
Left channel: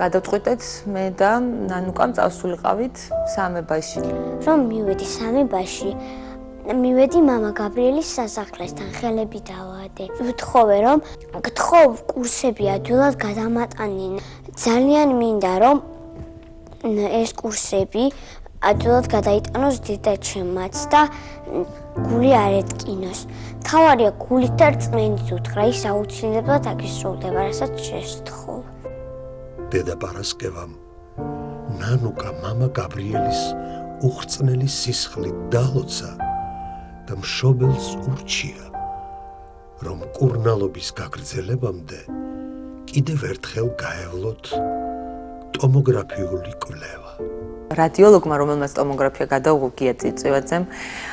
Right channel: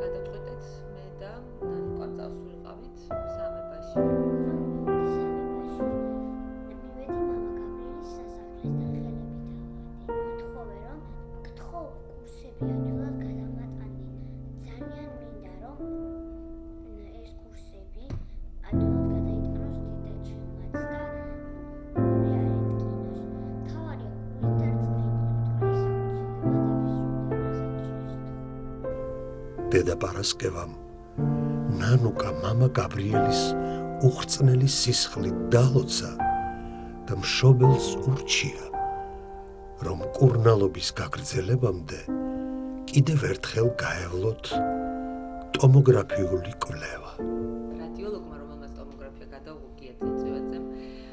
გადავწყვიტეთ მე და ნანუკამ წავსულიყავით სამებაში. რომ მივედი სამებაში, მივედი მამა გაბრიელის სასახლესთან, ხელები დავაადე. ვთხოვე რომ გთხოვ კურსები ადვილად გადამატანენ. ძალიან მინდა რომ ეს კურსები ადვილად გადაიტანოს დედაჩემაც და გული არ ეტკინოს. თავარია გულით და რწმენით უთხრა, ის აუცილებლად აგისრულდება, რასაც შეესთხოვ. დედა პარასკევამ ნანუკა მამა გაბრიელის უხრწნელი სისხლით დალოცა და მშობელს ურჩია, რომ კურნალობის გაგრძელებამდე კიდევ ერთხელ გაევლოთ ტომოგრაფიული კვლევა. რადიოლოგმა, რომელმაც ტომოგრაფია გადაუღო გია წიწვევაძემ,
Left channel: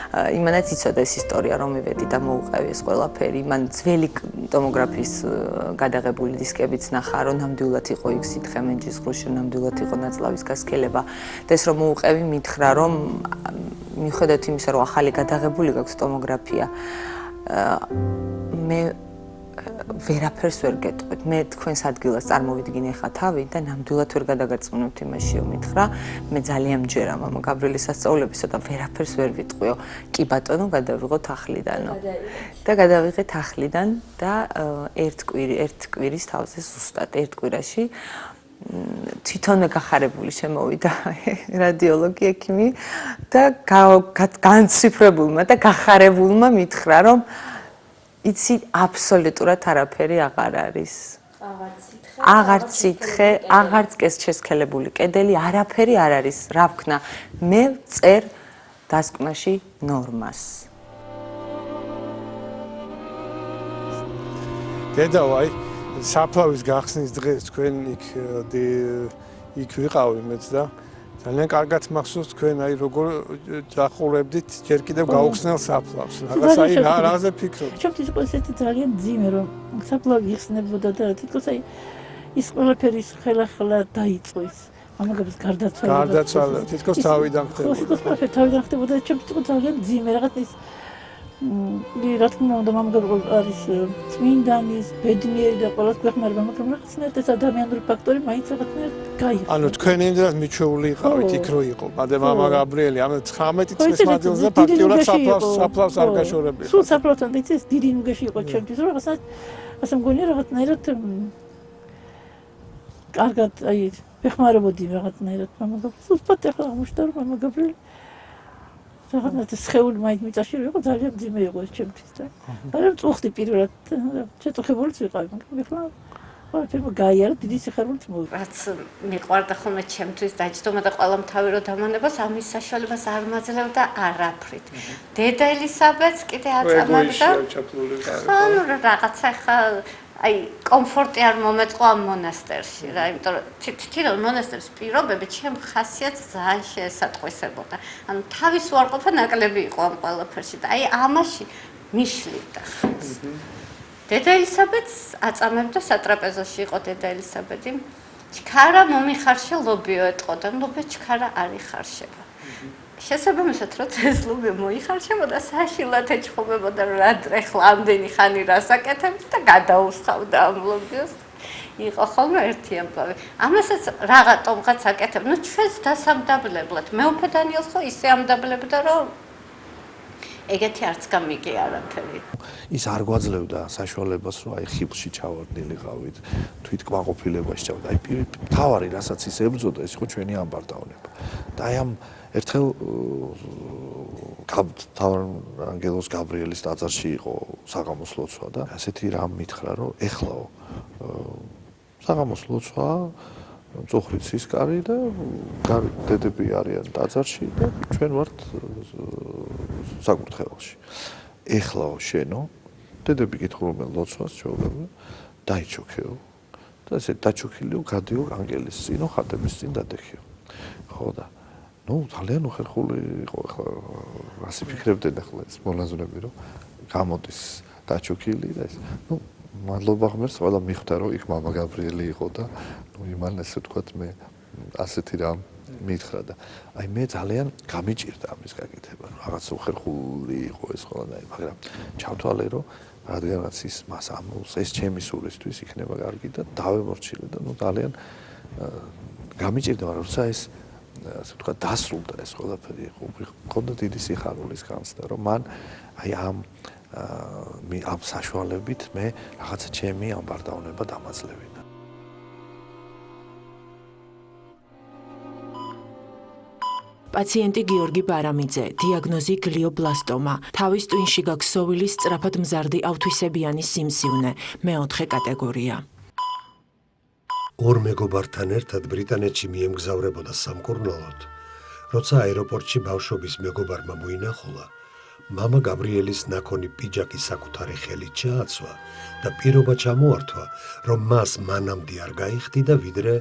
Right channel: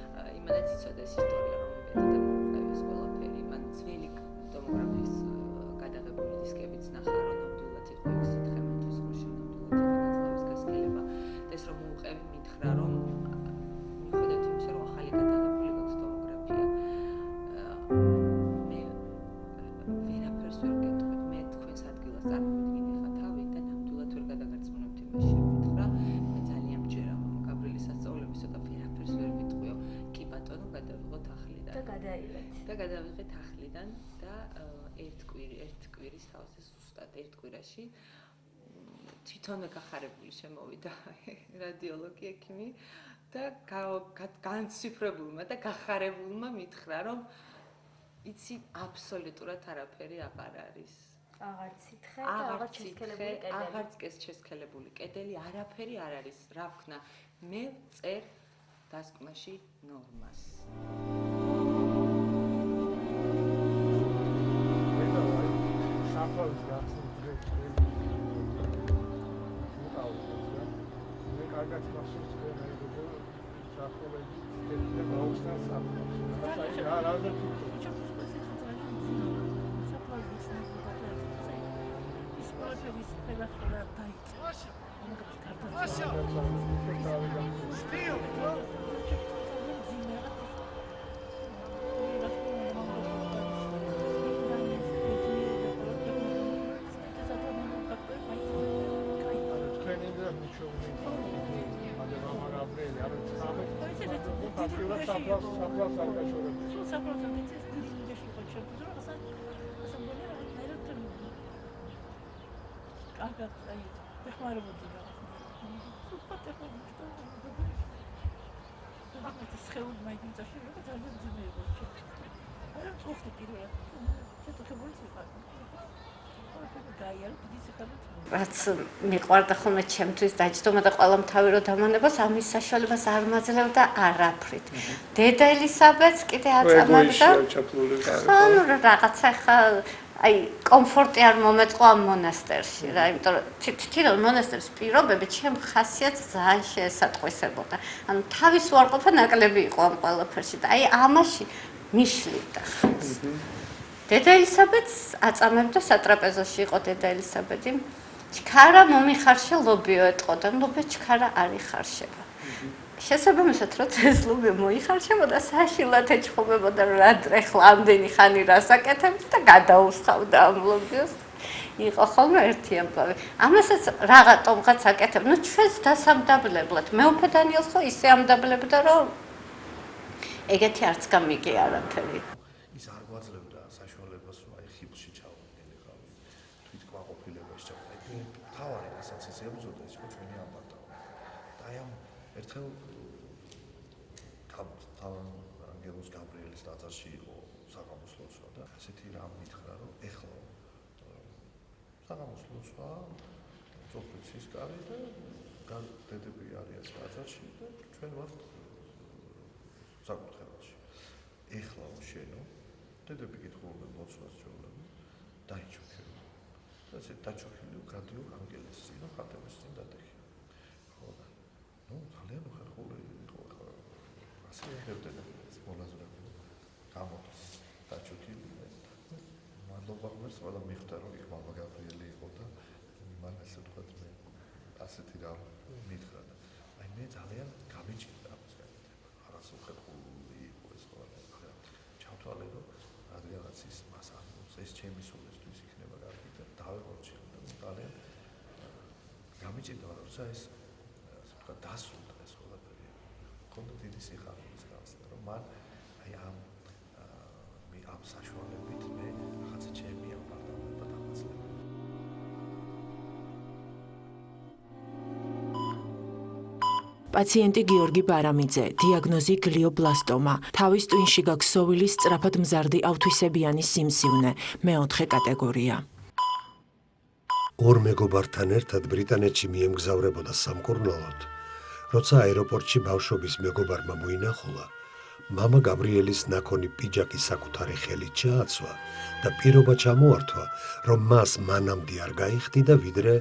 იმანაც იცოდა ეს ისტორია, რომ მივედი და მოუყევი ეს ყველაფერი. მან ძველი ტომოგრაფიის გადაღებული დისკებიც ნახა, რომ ნამდვილად იყო იქ სითხე მენჯის ღრუში, ნამდვილად იყო ნაწლავის გასქელება. და ეს რომ მოუყევი, მითხრა, რომ მიუხედავად იმისა, რომ ახალი გადაღებული გაქვს ტომოგრაფია, მე ვერაფერს ვერ გეტყვით. მე თქვენს ადგილას წარმოვიდგინე ხა თავი და ნამდვილად ვერ გადაგარწმუნებთ იმაშიო მითხრა. მე ძალიან მჯერა მამა გაბრიელის სასწაულებისა და ვერაფერს ვერ ვიტყვიო. კი ბატონო, გადავიღოთ ახლიდანო. და გადავიღეთ ახლიდან და ერთ კვირის თავზე ზუსტად ერთ კვირაში თვითონვე გახარებული შემოვიდა რადიოლოგი ექიმი და განციფრებულმა და გახარებულმა მითხრა, რომ იცი აბსოლუტურად არაფერი აღარ არის. აღარც სითხე, აღარც კესჩესქელებული კედელი, არაფერი არ არის. რა ვქნა, მე წერ დასკვნაში ნორმას. დედავაი, საფლავის გახსნის დღეს თქვენ იქ ვიყავი მეც და ძალიან კარგად მახსოვს თქვენ აი როგორ დახურებდით ჯერ კიდევ გაუხსნელ საფლავს. რაღაც აი რაზე ფიქრობთ? ჩემთვის იყო ესეთი ძალიან ძიმე რომ საფლავი იხსნებოდა და თვითონ აი ის ყველაფერი ხელახლა დაიწყო ის. ამაგებს გარდაცვალება. გარდაცვალება. თითქოს თავიდან ხდებოდა. თავიდან ხდებოდა და ჩემთვის იყო ძალიან ძიმე რაღაც ის რა თქმა უნდა მამაგებს არის წმინდანის, ბედნიერი და ყველას გვეხმარება, მაგრამ რაღაცნაირად ეს ადამიანური ფაქტორი მაინც რაღაცნაირად გაიყო. ანუ თქვენ იმდენად მიჩვეული იყავით იქ რო იყო. მადე მამა გაბრიელი, ამ 19 წლის მანძილზე ფაქტიურად საფლავს არ გაშორებია. სულ საფლავთან და ის დიდი ნუგეში იყო ჩემთვის, რომ რაღაცნაირად ასე მგონია რაღაცნაირად კარგად აი ვეხმარებოდი რაღაცნაირად მამაგებს. უბრალოდ ახლა აღმოჩნდა რომ მამა გაბრიელი რაღაც სხეული მაინც მიწაში იყო ძალიან ძიმე იყო ეს ჩემთვის და მაგრამ წუხდი პირველად შეწუხებულიც ვიყავი მაგრამ ახლა ყველაფერმა გაიარა დიდი სიხარულით მოვიდა რაც მიყვარდა ხოლმე ჩემთვის დაჯდომა და ყველა მთავი რო დამანებას ამის საშუალებას არ მაძლევდა არაფრით დედა ელისაბედს კიდე აწამებდა ანუ რაღაცა ხა აი კომფორტი არ მომეწყო ამ მონასტერში რა იმიტომ რომ თვითონ მონასტერის პირობები ჩემ ხასიათს ძალიან შეესატყვისებოდა ანუ თავის უარყოფა ნაკლები იყო ამ ყველაფერში და აი ამაში მიშლიდა დედა ელისაბედს აწამებდა სატრაპეზოში იყო დედა ელისაბედი ჩქარა მომიხარშა ლობიო ეტყოდა ლობიო ჩქარა არ იხარშება შესაბამისად როცა ეს ლობიო მოიხარშებოდა საშილად ეჩხუბებოდა რა ეხლა ამდენი ხანი რასაკეთებთ და გადაუსხავდა ამ ლობიოს იყო ხოლმე ერთი ამბავი ამასაც რაღაცომღაც აკეთებ ნუ ჩვენს დასამდაბლებლად მეუფე დანიელს ხო ისე ამდაბლებდა რომ ეგეთი არც გამიგე არაფერი ის არ გვაძლევდა საშუალებას, რომ აი ხილში ჩავარდნილიყავით, თვითკმაყოფილებაში ჩავარდნილიყავით. აი მთავარი, რასაც ის ებრძოდა, ეს იყო ჩვენი ამბარდავნება. და აი ამ ერთხელ ანგელოზ გაბრიელის ტაძარში იყო საღამოს ლოცვა და ასეთი რამ მითხრა, რომ ეხლაო საღამოს ლოცვა მწუხრით სისკარი და დედები არიან ტაძარში და ჩვენ ვართ საკურთხეველში. ეხლაო შენო დედები კითხულობენ ლოცვას ჩვეულებრივ დაიჩოქეო და ესე დაჩოქილიო გადიო ანგელის წინო ხატების წინ დადეხიო. ხო და ნუ ძალიან უხერხული იყო ახლა ასე ფიქრებდნენ ახლა ეს მონაზვნები რომ გამოდის დაჩოქილი და ეს ნუ მადლობა ღმერთს ყველა მიხვდა რომ იქ მამა გაბრიელი იყო და ნუ იმან ესე ვთქვათ მე ასეთი რამ მითხრა და აი მე ძალიან გამიჭირდა ამის გაკეთება რომ რაღაც უხერხული იყო ეს ყველანაირი მაგრამ ჩავთვალე რომ რადგანაც ის მას ამულს ეს ჩემი სულისთვის იქნება კარგი და დავემორჩილე და ნუ ძალიან გამიჭირდა მაგრამ როცა ეს ასე ვთქვათ დასრულდა ეს ყველაფერი ხონდა დიდი სიხარულის განცდა რომ მან აი ამ საშუალებით მე რაღაცა ჩემი ამბარდავნება დამაძლევინა. პაციენტი გიორგი ბარამიძე, დიაგნოზი გლიობლასტომა, თავის ტვინში გაქსოვილის სწრაფად მზარდი ავთვისებიანი სიმსივნე, მეოთხე კატეგორია. ორ მეგობართან ერთად ბრიტანეთში მიემგზავრებოდა სამკურნალოდ, როცა აეროპორტში ბავშვობის მეგობარმა მოინახულა, მამა გაბრიელის ნაქონი პიჯაკი საკუთარი ხელით ჩააცვა და პირობა ჩამოართვა, რომ მას მანამდე არ გაიხდიდა, ვიდრე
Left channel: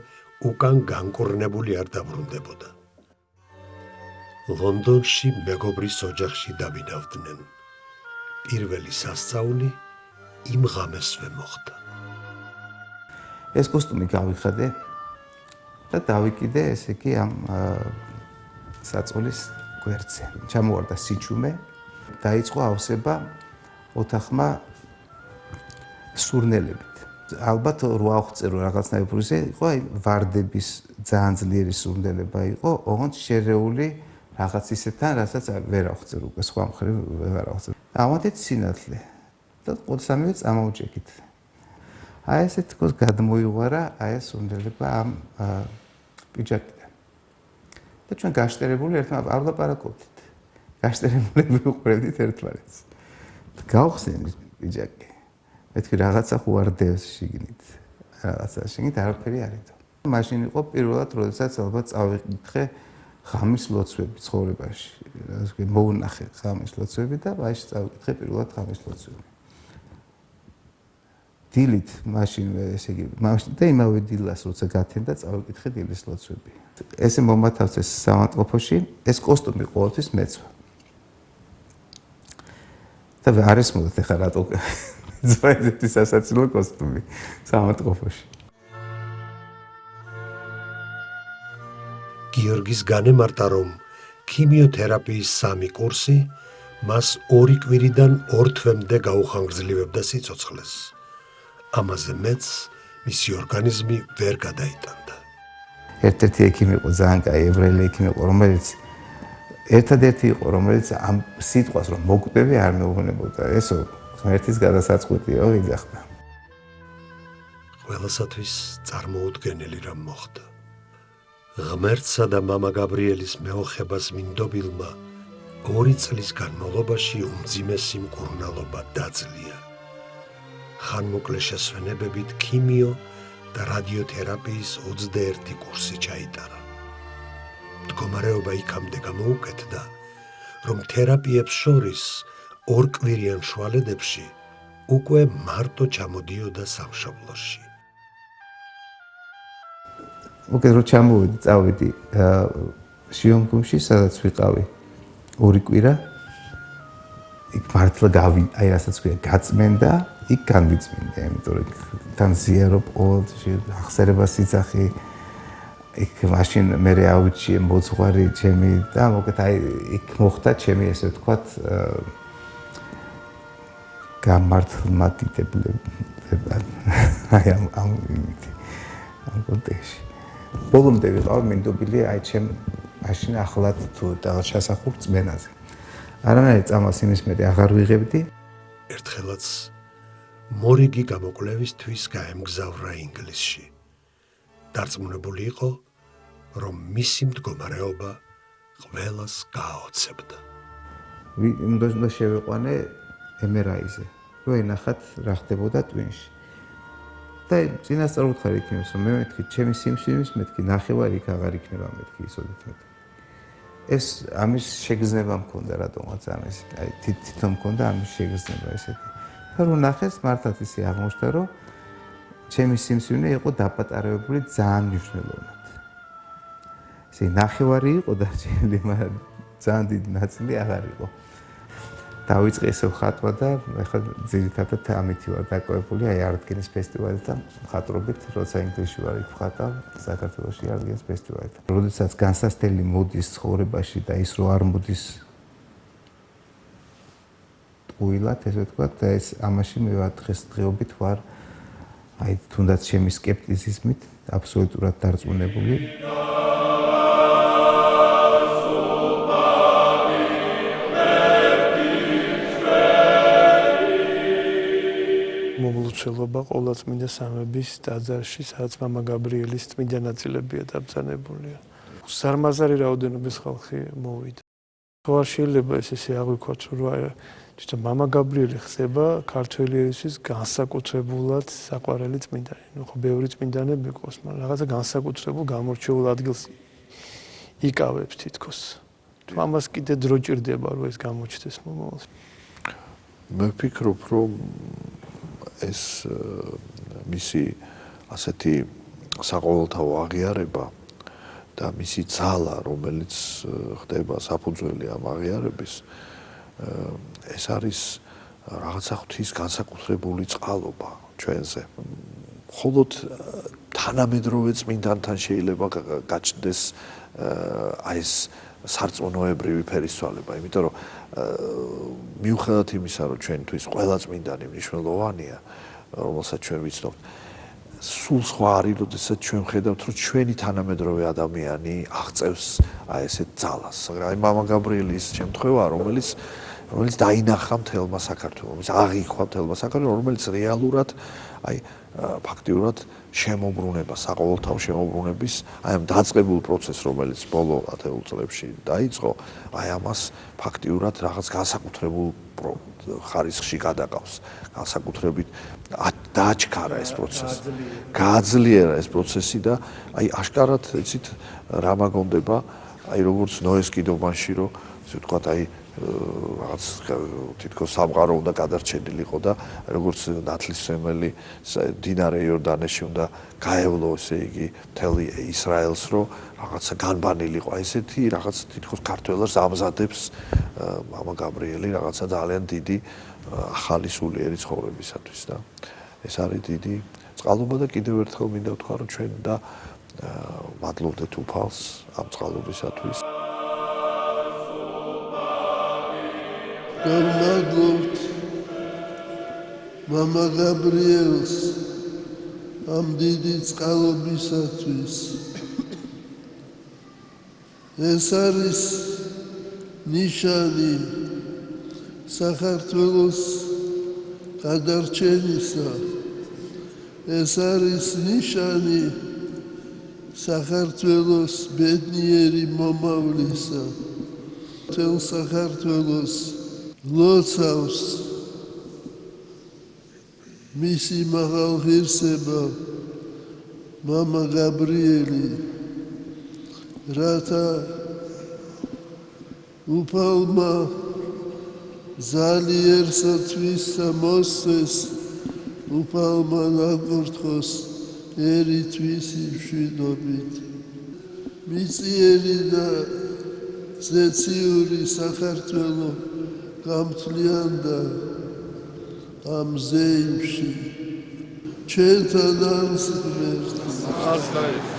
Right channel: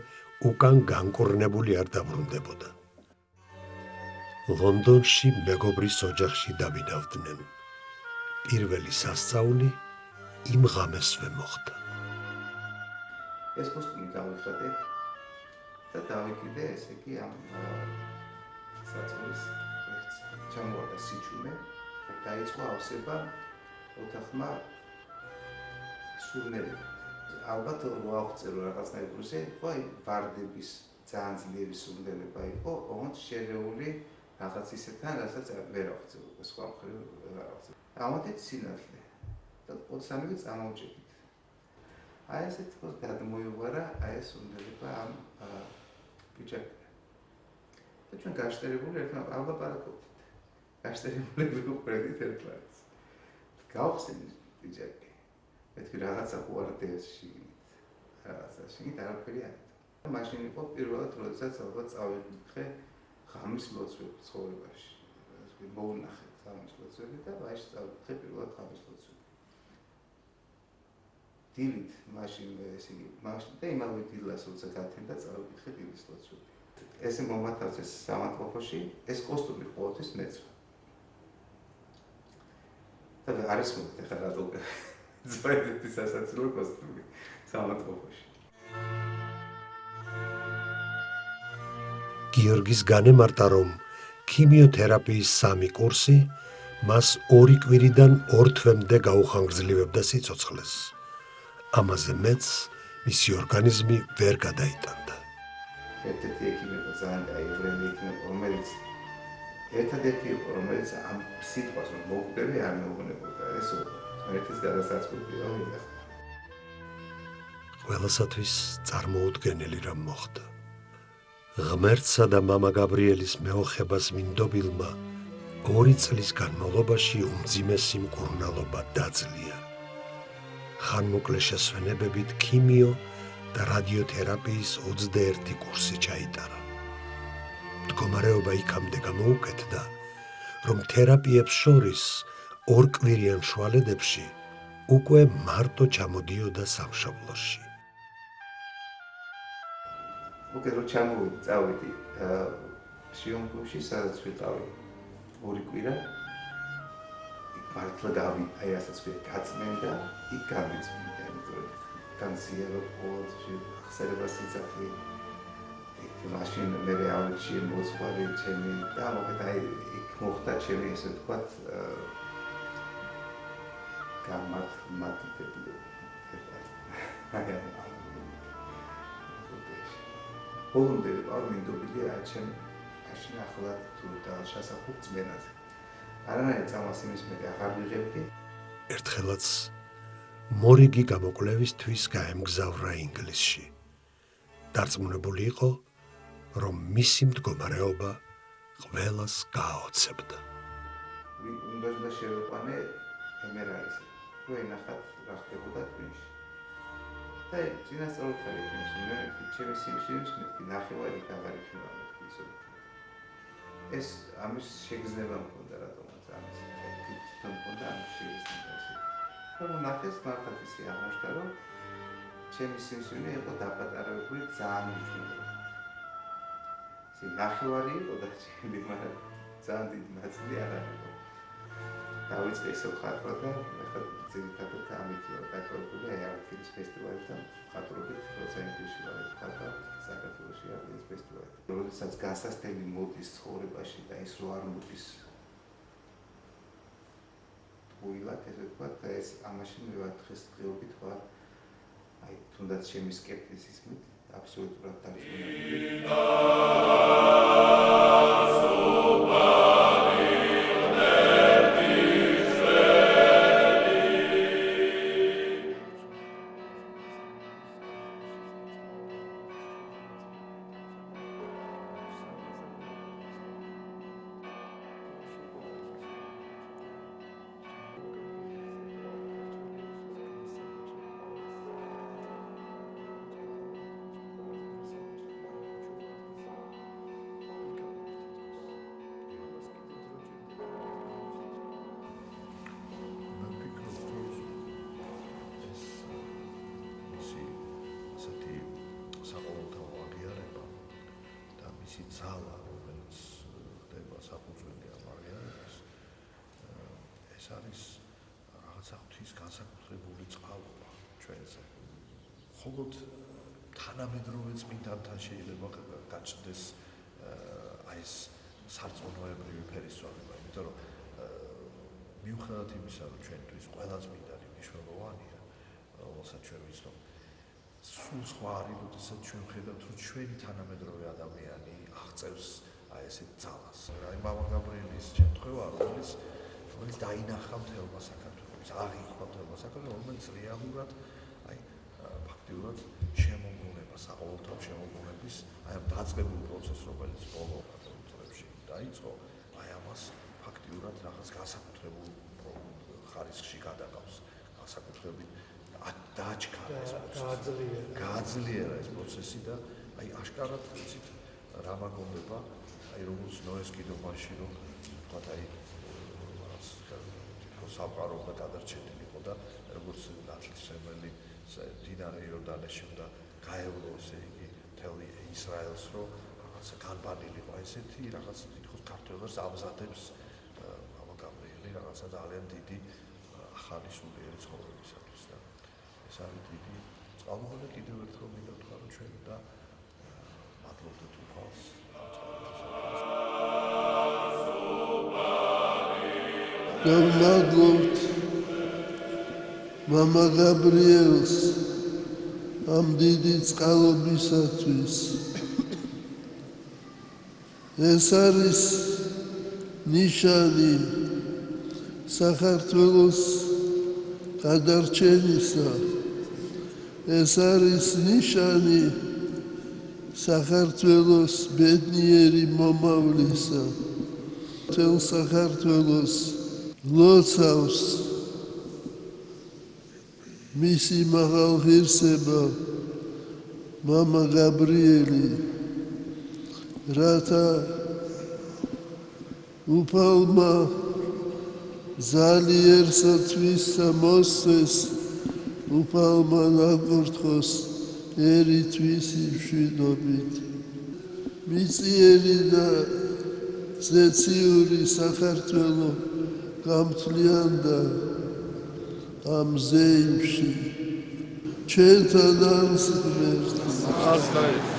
უკან განკურნებული არ დაბრუნდებოდა. ლონდონში მეგობრის ოჯახში დაბინავდნენ. პირველი სასწაული იმ ღამესვე მოხდა. ეს კოსტუმი გავიხადე და დავიკიდე ესე იგი ამ საწოლის გვერდზე. ჩამოვარდა სიჩუმე, დაიწყო ავსება ოთახმა სურნელებით. ალბათ რო აღწერო რაღაცნაირი პროცესი იყო, აი ვარდების ძალიან ძლიერი სურნელება იყო, ოღონდ შერეული რაღაც ისეთთან, რასაც ვერ აღწერ უკვე სხვა მხრივ ვერ აღწერ. ამათით სინათლე და ყოველსამივე წამოვჭექით. აი ესე თქოს გადმოიღვარა აი ეს სურნელება ამ პიჯაკიდან. და ჩვენ გაშტერებული ერთმანეთს არ ვლაპარაკობდით. გაშტერებული ვიყურებდით ერთმანეთს. გავხსენით პიჯაკი. მეთქი რაღაცა ხوارდევს შიგნით. რაღაცა შიგნით არაფერი არ იდო. მაშინ იყო პირველად, როდესაც ალბათ წავიკითხე ღამის ლოცვები ცხოვრებაში. ასე მოუნახე ღამის ლოცვები და მაშინ წავიკითხე პირველად ღამის ლოცვები. დილით მაშინ ესე იგი მაშინ და იმავე დილას როცა გათენდა წავიკითხე დილის ლოცვები. ესე მომათავსეს სამატყოფოში, ეს კოსტუმი ყოველთვის მეცვა. და არ ესმოდეთ ახლა რატო ზვაიძეთი სასაცილო კოსტუმი სამატყოფოში. გიორგის განემარტა, რომ ქიმიოთერაპიის 3 კურსი მას 2 კვირიდან 2 თვემდე გაუხანგრძლივებდა სიცოცხლეს. ამაზე მეც მისი ორგანიზმი ვერ გადაიტანდა. ერთ-ერთი ექიმი იყო ძალიან კაი ებრაელი ექიმი იყო, რომელიც ერთადერთი იყო, რომელიც ამ სიტყვას რომ მოკვდები არ მეუბნებოდა. ესო ღმერთის გადასაწყვეტია ვიგახდა. ყველასათვის წარმოუდგენელი რამ მოხდა. ღმერთსა და მამა გაბრიელის მეოხებას მინდობილმა 2 წლის განმავლობაში უმძიმესი მკურნალობა დაძლია. ხანმოკლე შესვენებებით ქიმიო და რადიოთერაპიის 21 კურსი ჩაიტარა. მდგომარეობა იქამდე გამოუკეთდა, რომ თერაპიებს შორის 2 კვირიან შუალედებში უკვე მარტო ჩამოდიოდა სამშობლოში. უკეთ რო ჩამოვედი, წავედი შიომგუმში, სადაც ვიყავი 2 კვირა. იქ მართლა აი რასაც ქვია, გაწმენდა, იქ განვიწმინდა, იმიტომ რომ განზიარო ყოველში ახსერებას იცახი. იქ მაშინ მე ავიჩი მოძღვარი ჩემი და უკეთ აი იქ მოხდა ჩემი ესე ვთქვათ გამართლმატიტებლები. აი ამ კონტექსტში. ბოლომდე ვიყავ მინდობილი აი ჩემ მაშინ ახლად თუ და ჩასახურ წმენაზე. არანაირ წამას იმის მეტი აღარ ვიღებდი. ერთ ერთხელაც მორიგი გამოკვლევისთვის გაემგზავრა ინგლისში. დარწმუნებული იყო, რომ მისი მდგომარეობა ყველას გააოცებდა. უნდა შევიყვანე MRI-ზე, რომ ენახათ რა ხდებოდა ტვინში. და წინასწარ ვუთხარ იქნებს, რომ მე მეთქი, ჩემი სიმსივნის მეთქი, ნახევარი იქ აღარ იქნება მეთქი ისოდეთ მეთქი. ეს ამის შეგრძნება მქონდა რატომაც ამის, აი თვითონ მქონდა ამის შეგრძნება ესეთი. და რომ ნახეს, მართლაც ისე აღმოჩნდა, რომ ჩემი სიმსივნე იყო დაპატარებული ძალიან მნიშვნელოვნად. ესე ნახევარი იყო დარჩენილი, მაგრამ ძალიან დიდი ნაწილი აღარ იყო. დავიწყე ესე ხატვა და ეხლა ძირითადად ამითი ვარ დაკავებული, აი არტგენის ფესტივალთან ხატრობით, როცა ინგლისში ვარ იქ ხატავ, საქართველოში არტგენის ფესტივალთან. როდესაც განსასწრელი მოდის ცხოვრებაში და ის რო არ მოდის ტყუილად, ესე ვთქვათ, და ეს ამაში მე დღესდღეობით ვარ აი თუნდაც ჩემი სკეპტიციზმით აბსოლუტურად დარწმუნებული. მოგლუჩელობა ყოვლადწმინდა სამების ტაძარში, სადაც მამა გაბრიელის წმინდა ნაწილებია დაბრძანებული. სარმაზარი რაოდენობის ხალხი მოვიდა. თუ არ შეიძლება ესე აღვიქვათ, რომ თვითონ მამა გაბრიელი ხდება ქართველი ერისთვის განსაკუთრებულად საყვარელი წმინდანი. ნუ ხო ბევრი წმინდანები ყავს, მაგრამ რაღაცა განსაკუთრებულ გამორჩეულ ადგილს იკავებს თითქოს. თუ ამას კიდე დრო ჭირდება, რომ ეს გამოჩნდეს მომავალში. მე ვფიქრობ, რომ ეს მისი ასეთი საყოველთაო აღიარება და მისი ძალა, რომელიც ხდება საფუძველი ამ აღიარების, ეს არის რაღაცა ღვთის განსაკუთრებული წყალობა ჩვენზე. მხოლოდ თანამედროვე წმინდანთან შეიძლება გაჩნდეს აი ეს სარწმუნოებრივი ფერისცვალება, იმიტომ რომ მიუხედავად იმისა, რომ ჩვენთვის ყველა წმინდანი მნიშვნელოვანია, რომელსაც ჩვენ ვიცნობთ, სულ სხვა არის, როდესაც ჩვენ ხედავთ, რომ ჩვენი თანამედროვე ადამიანი აღწევს აი ესეთ ძალას. აი მამა გაბრიელის შემთხვევა, რომელიც დაინახა მთელმა საქართველოს, აღიქვა მთელმა საქართველოს, რომელიც რეალურად აი ფაქტიურად შემოbrunება, საყოველთაო შემოbrunების, აი ამ დაწყებულ პროცესს, რომელიც ბოლო 10 წლებში დაიწყო, აი ამას ფაქტიურად რაღაც განსაკუთრებულ ხარისხში გადაყავს, განსაკუთრებით დააჩქარა ეს პროცესი. გააძლიერა ეს პროცესი და აი აშკარად იცით რა მაგონდება, აი როგორც ნოეს კიდობანში, რომ ისე ვთქვათ, აი რაღაც თითქოს სამყარო უნდა გადარჩენილიყო და როგორც ნათლისმცემელი დინარე იორდანეში უნდა გაევლო ესე იგი მთელი ისრაელს, რომ რაღაცა განბანილიყო. აი ესეთი რაღაც თითქოს ქართველებს ამზადებს მამა გაბრიელი რაღაცა ძალიან დიდი ახალი სულიერი ცხოვრებისათვის და ეს არის დიდი წყალობა და კიდევ ერთხელ მინდა ვთქვა, რომ ჩვენ და მადლობდეთ უფალს ამ წყალობისათვის. გავმადლობთ მამა გაბრიელს ამ დიდი წყალობისათვის. ეს არის ნიშანი საქართველოს გადარჩენისა. ეს არის ნიშანი საქართველოს ბედნიერი მომავლისა. მთელ საქართველოს ლოცავს მისი მაღალ ღირსება მამა გაბრიელი, რათა უფალმა ზალიერსათვისა მოსცეს, უფალმა ნაკურთხოს ერითვისი მშვიდობით. მიწიერი და ზეციური საქართველო გამთლიანდა ამ ზეიმში. ჩვენთან არის ღმერთი.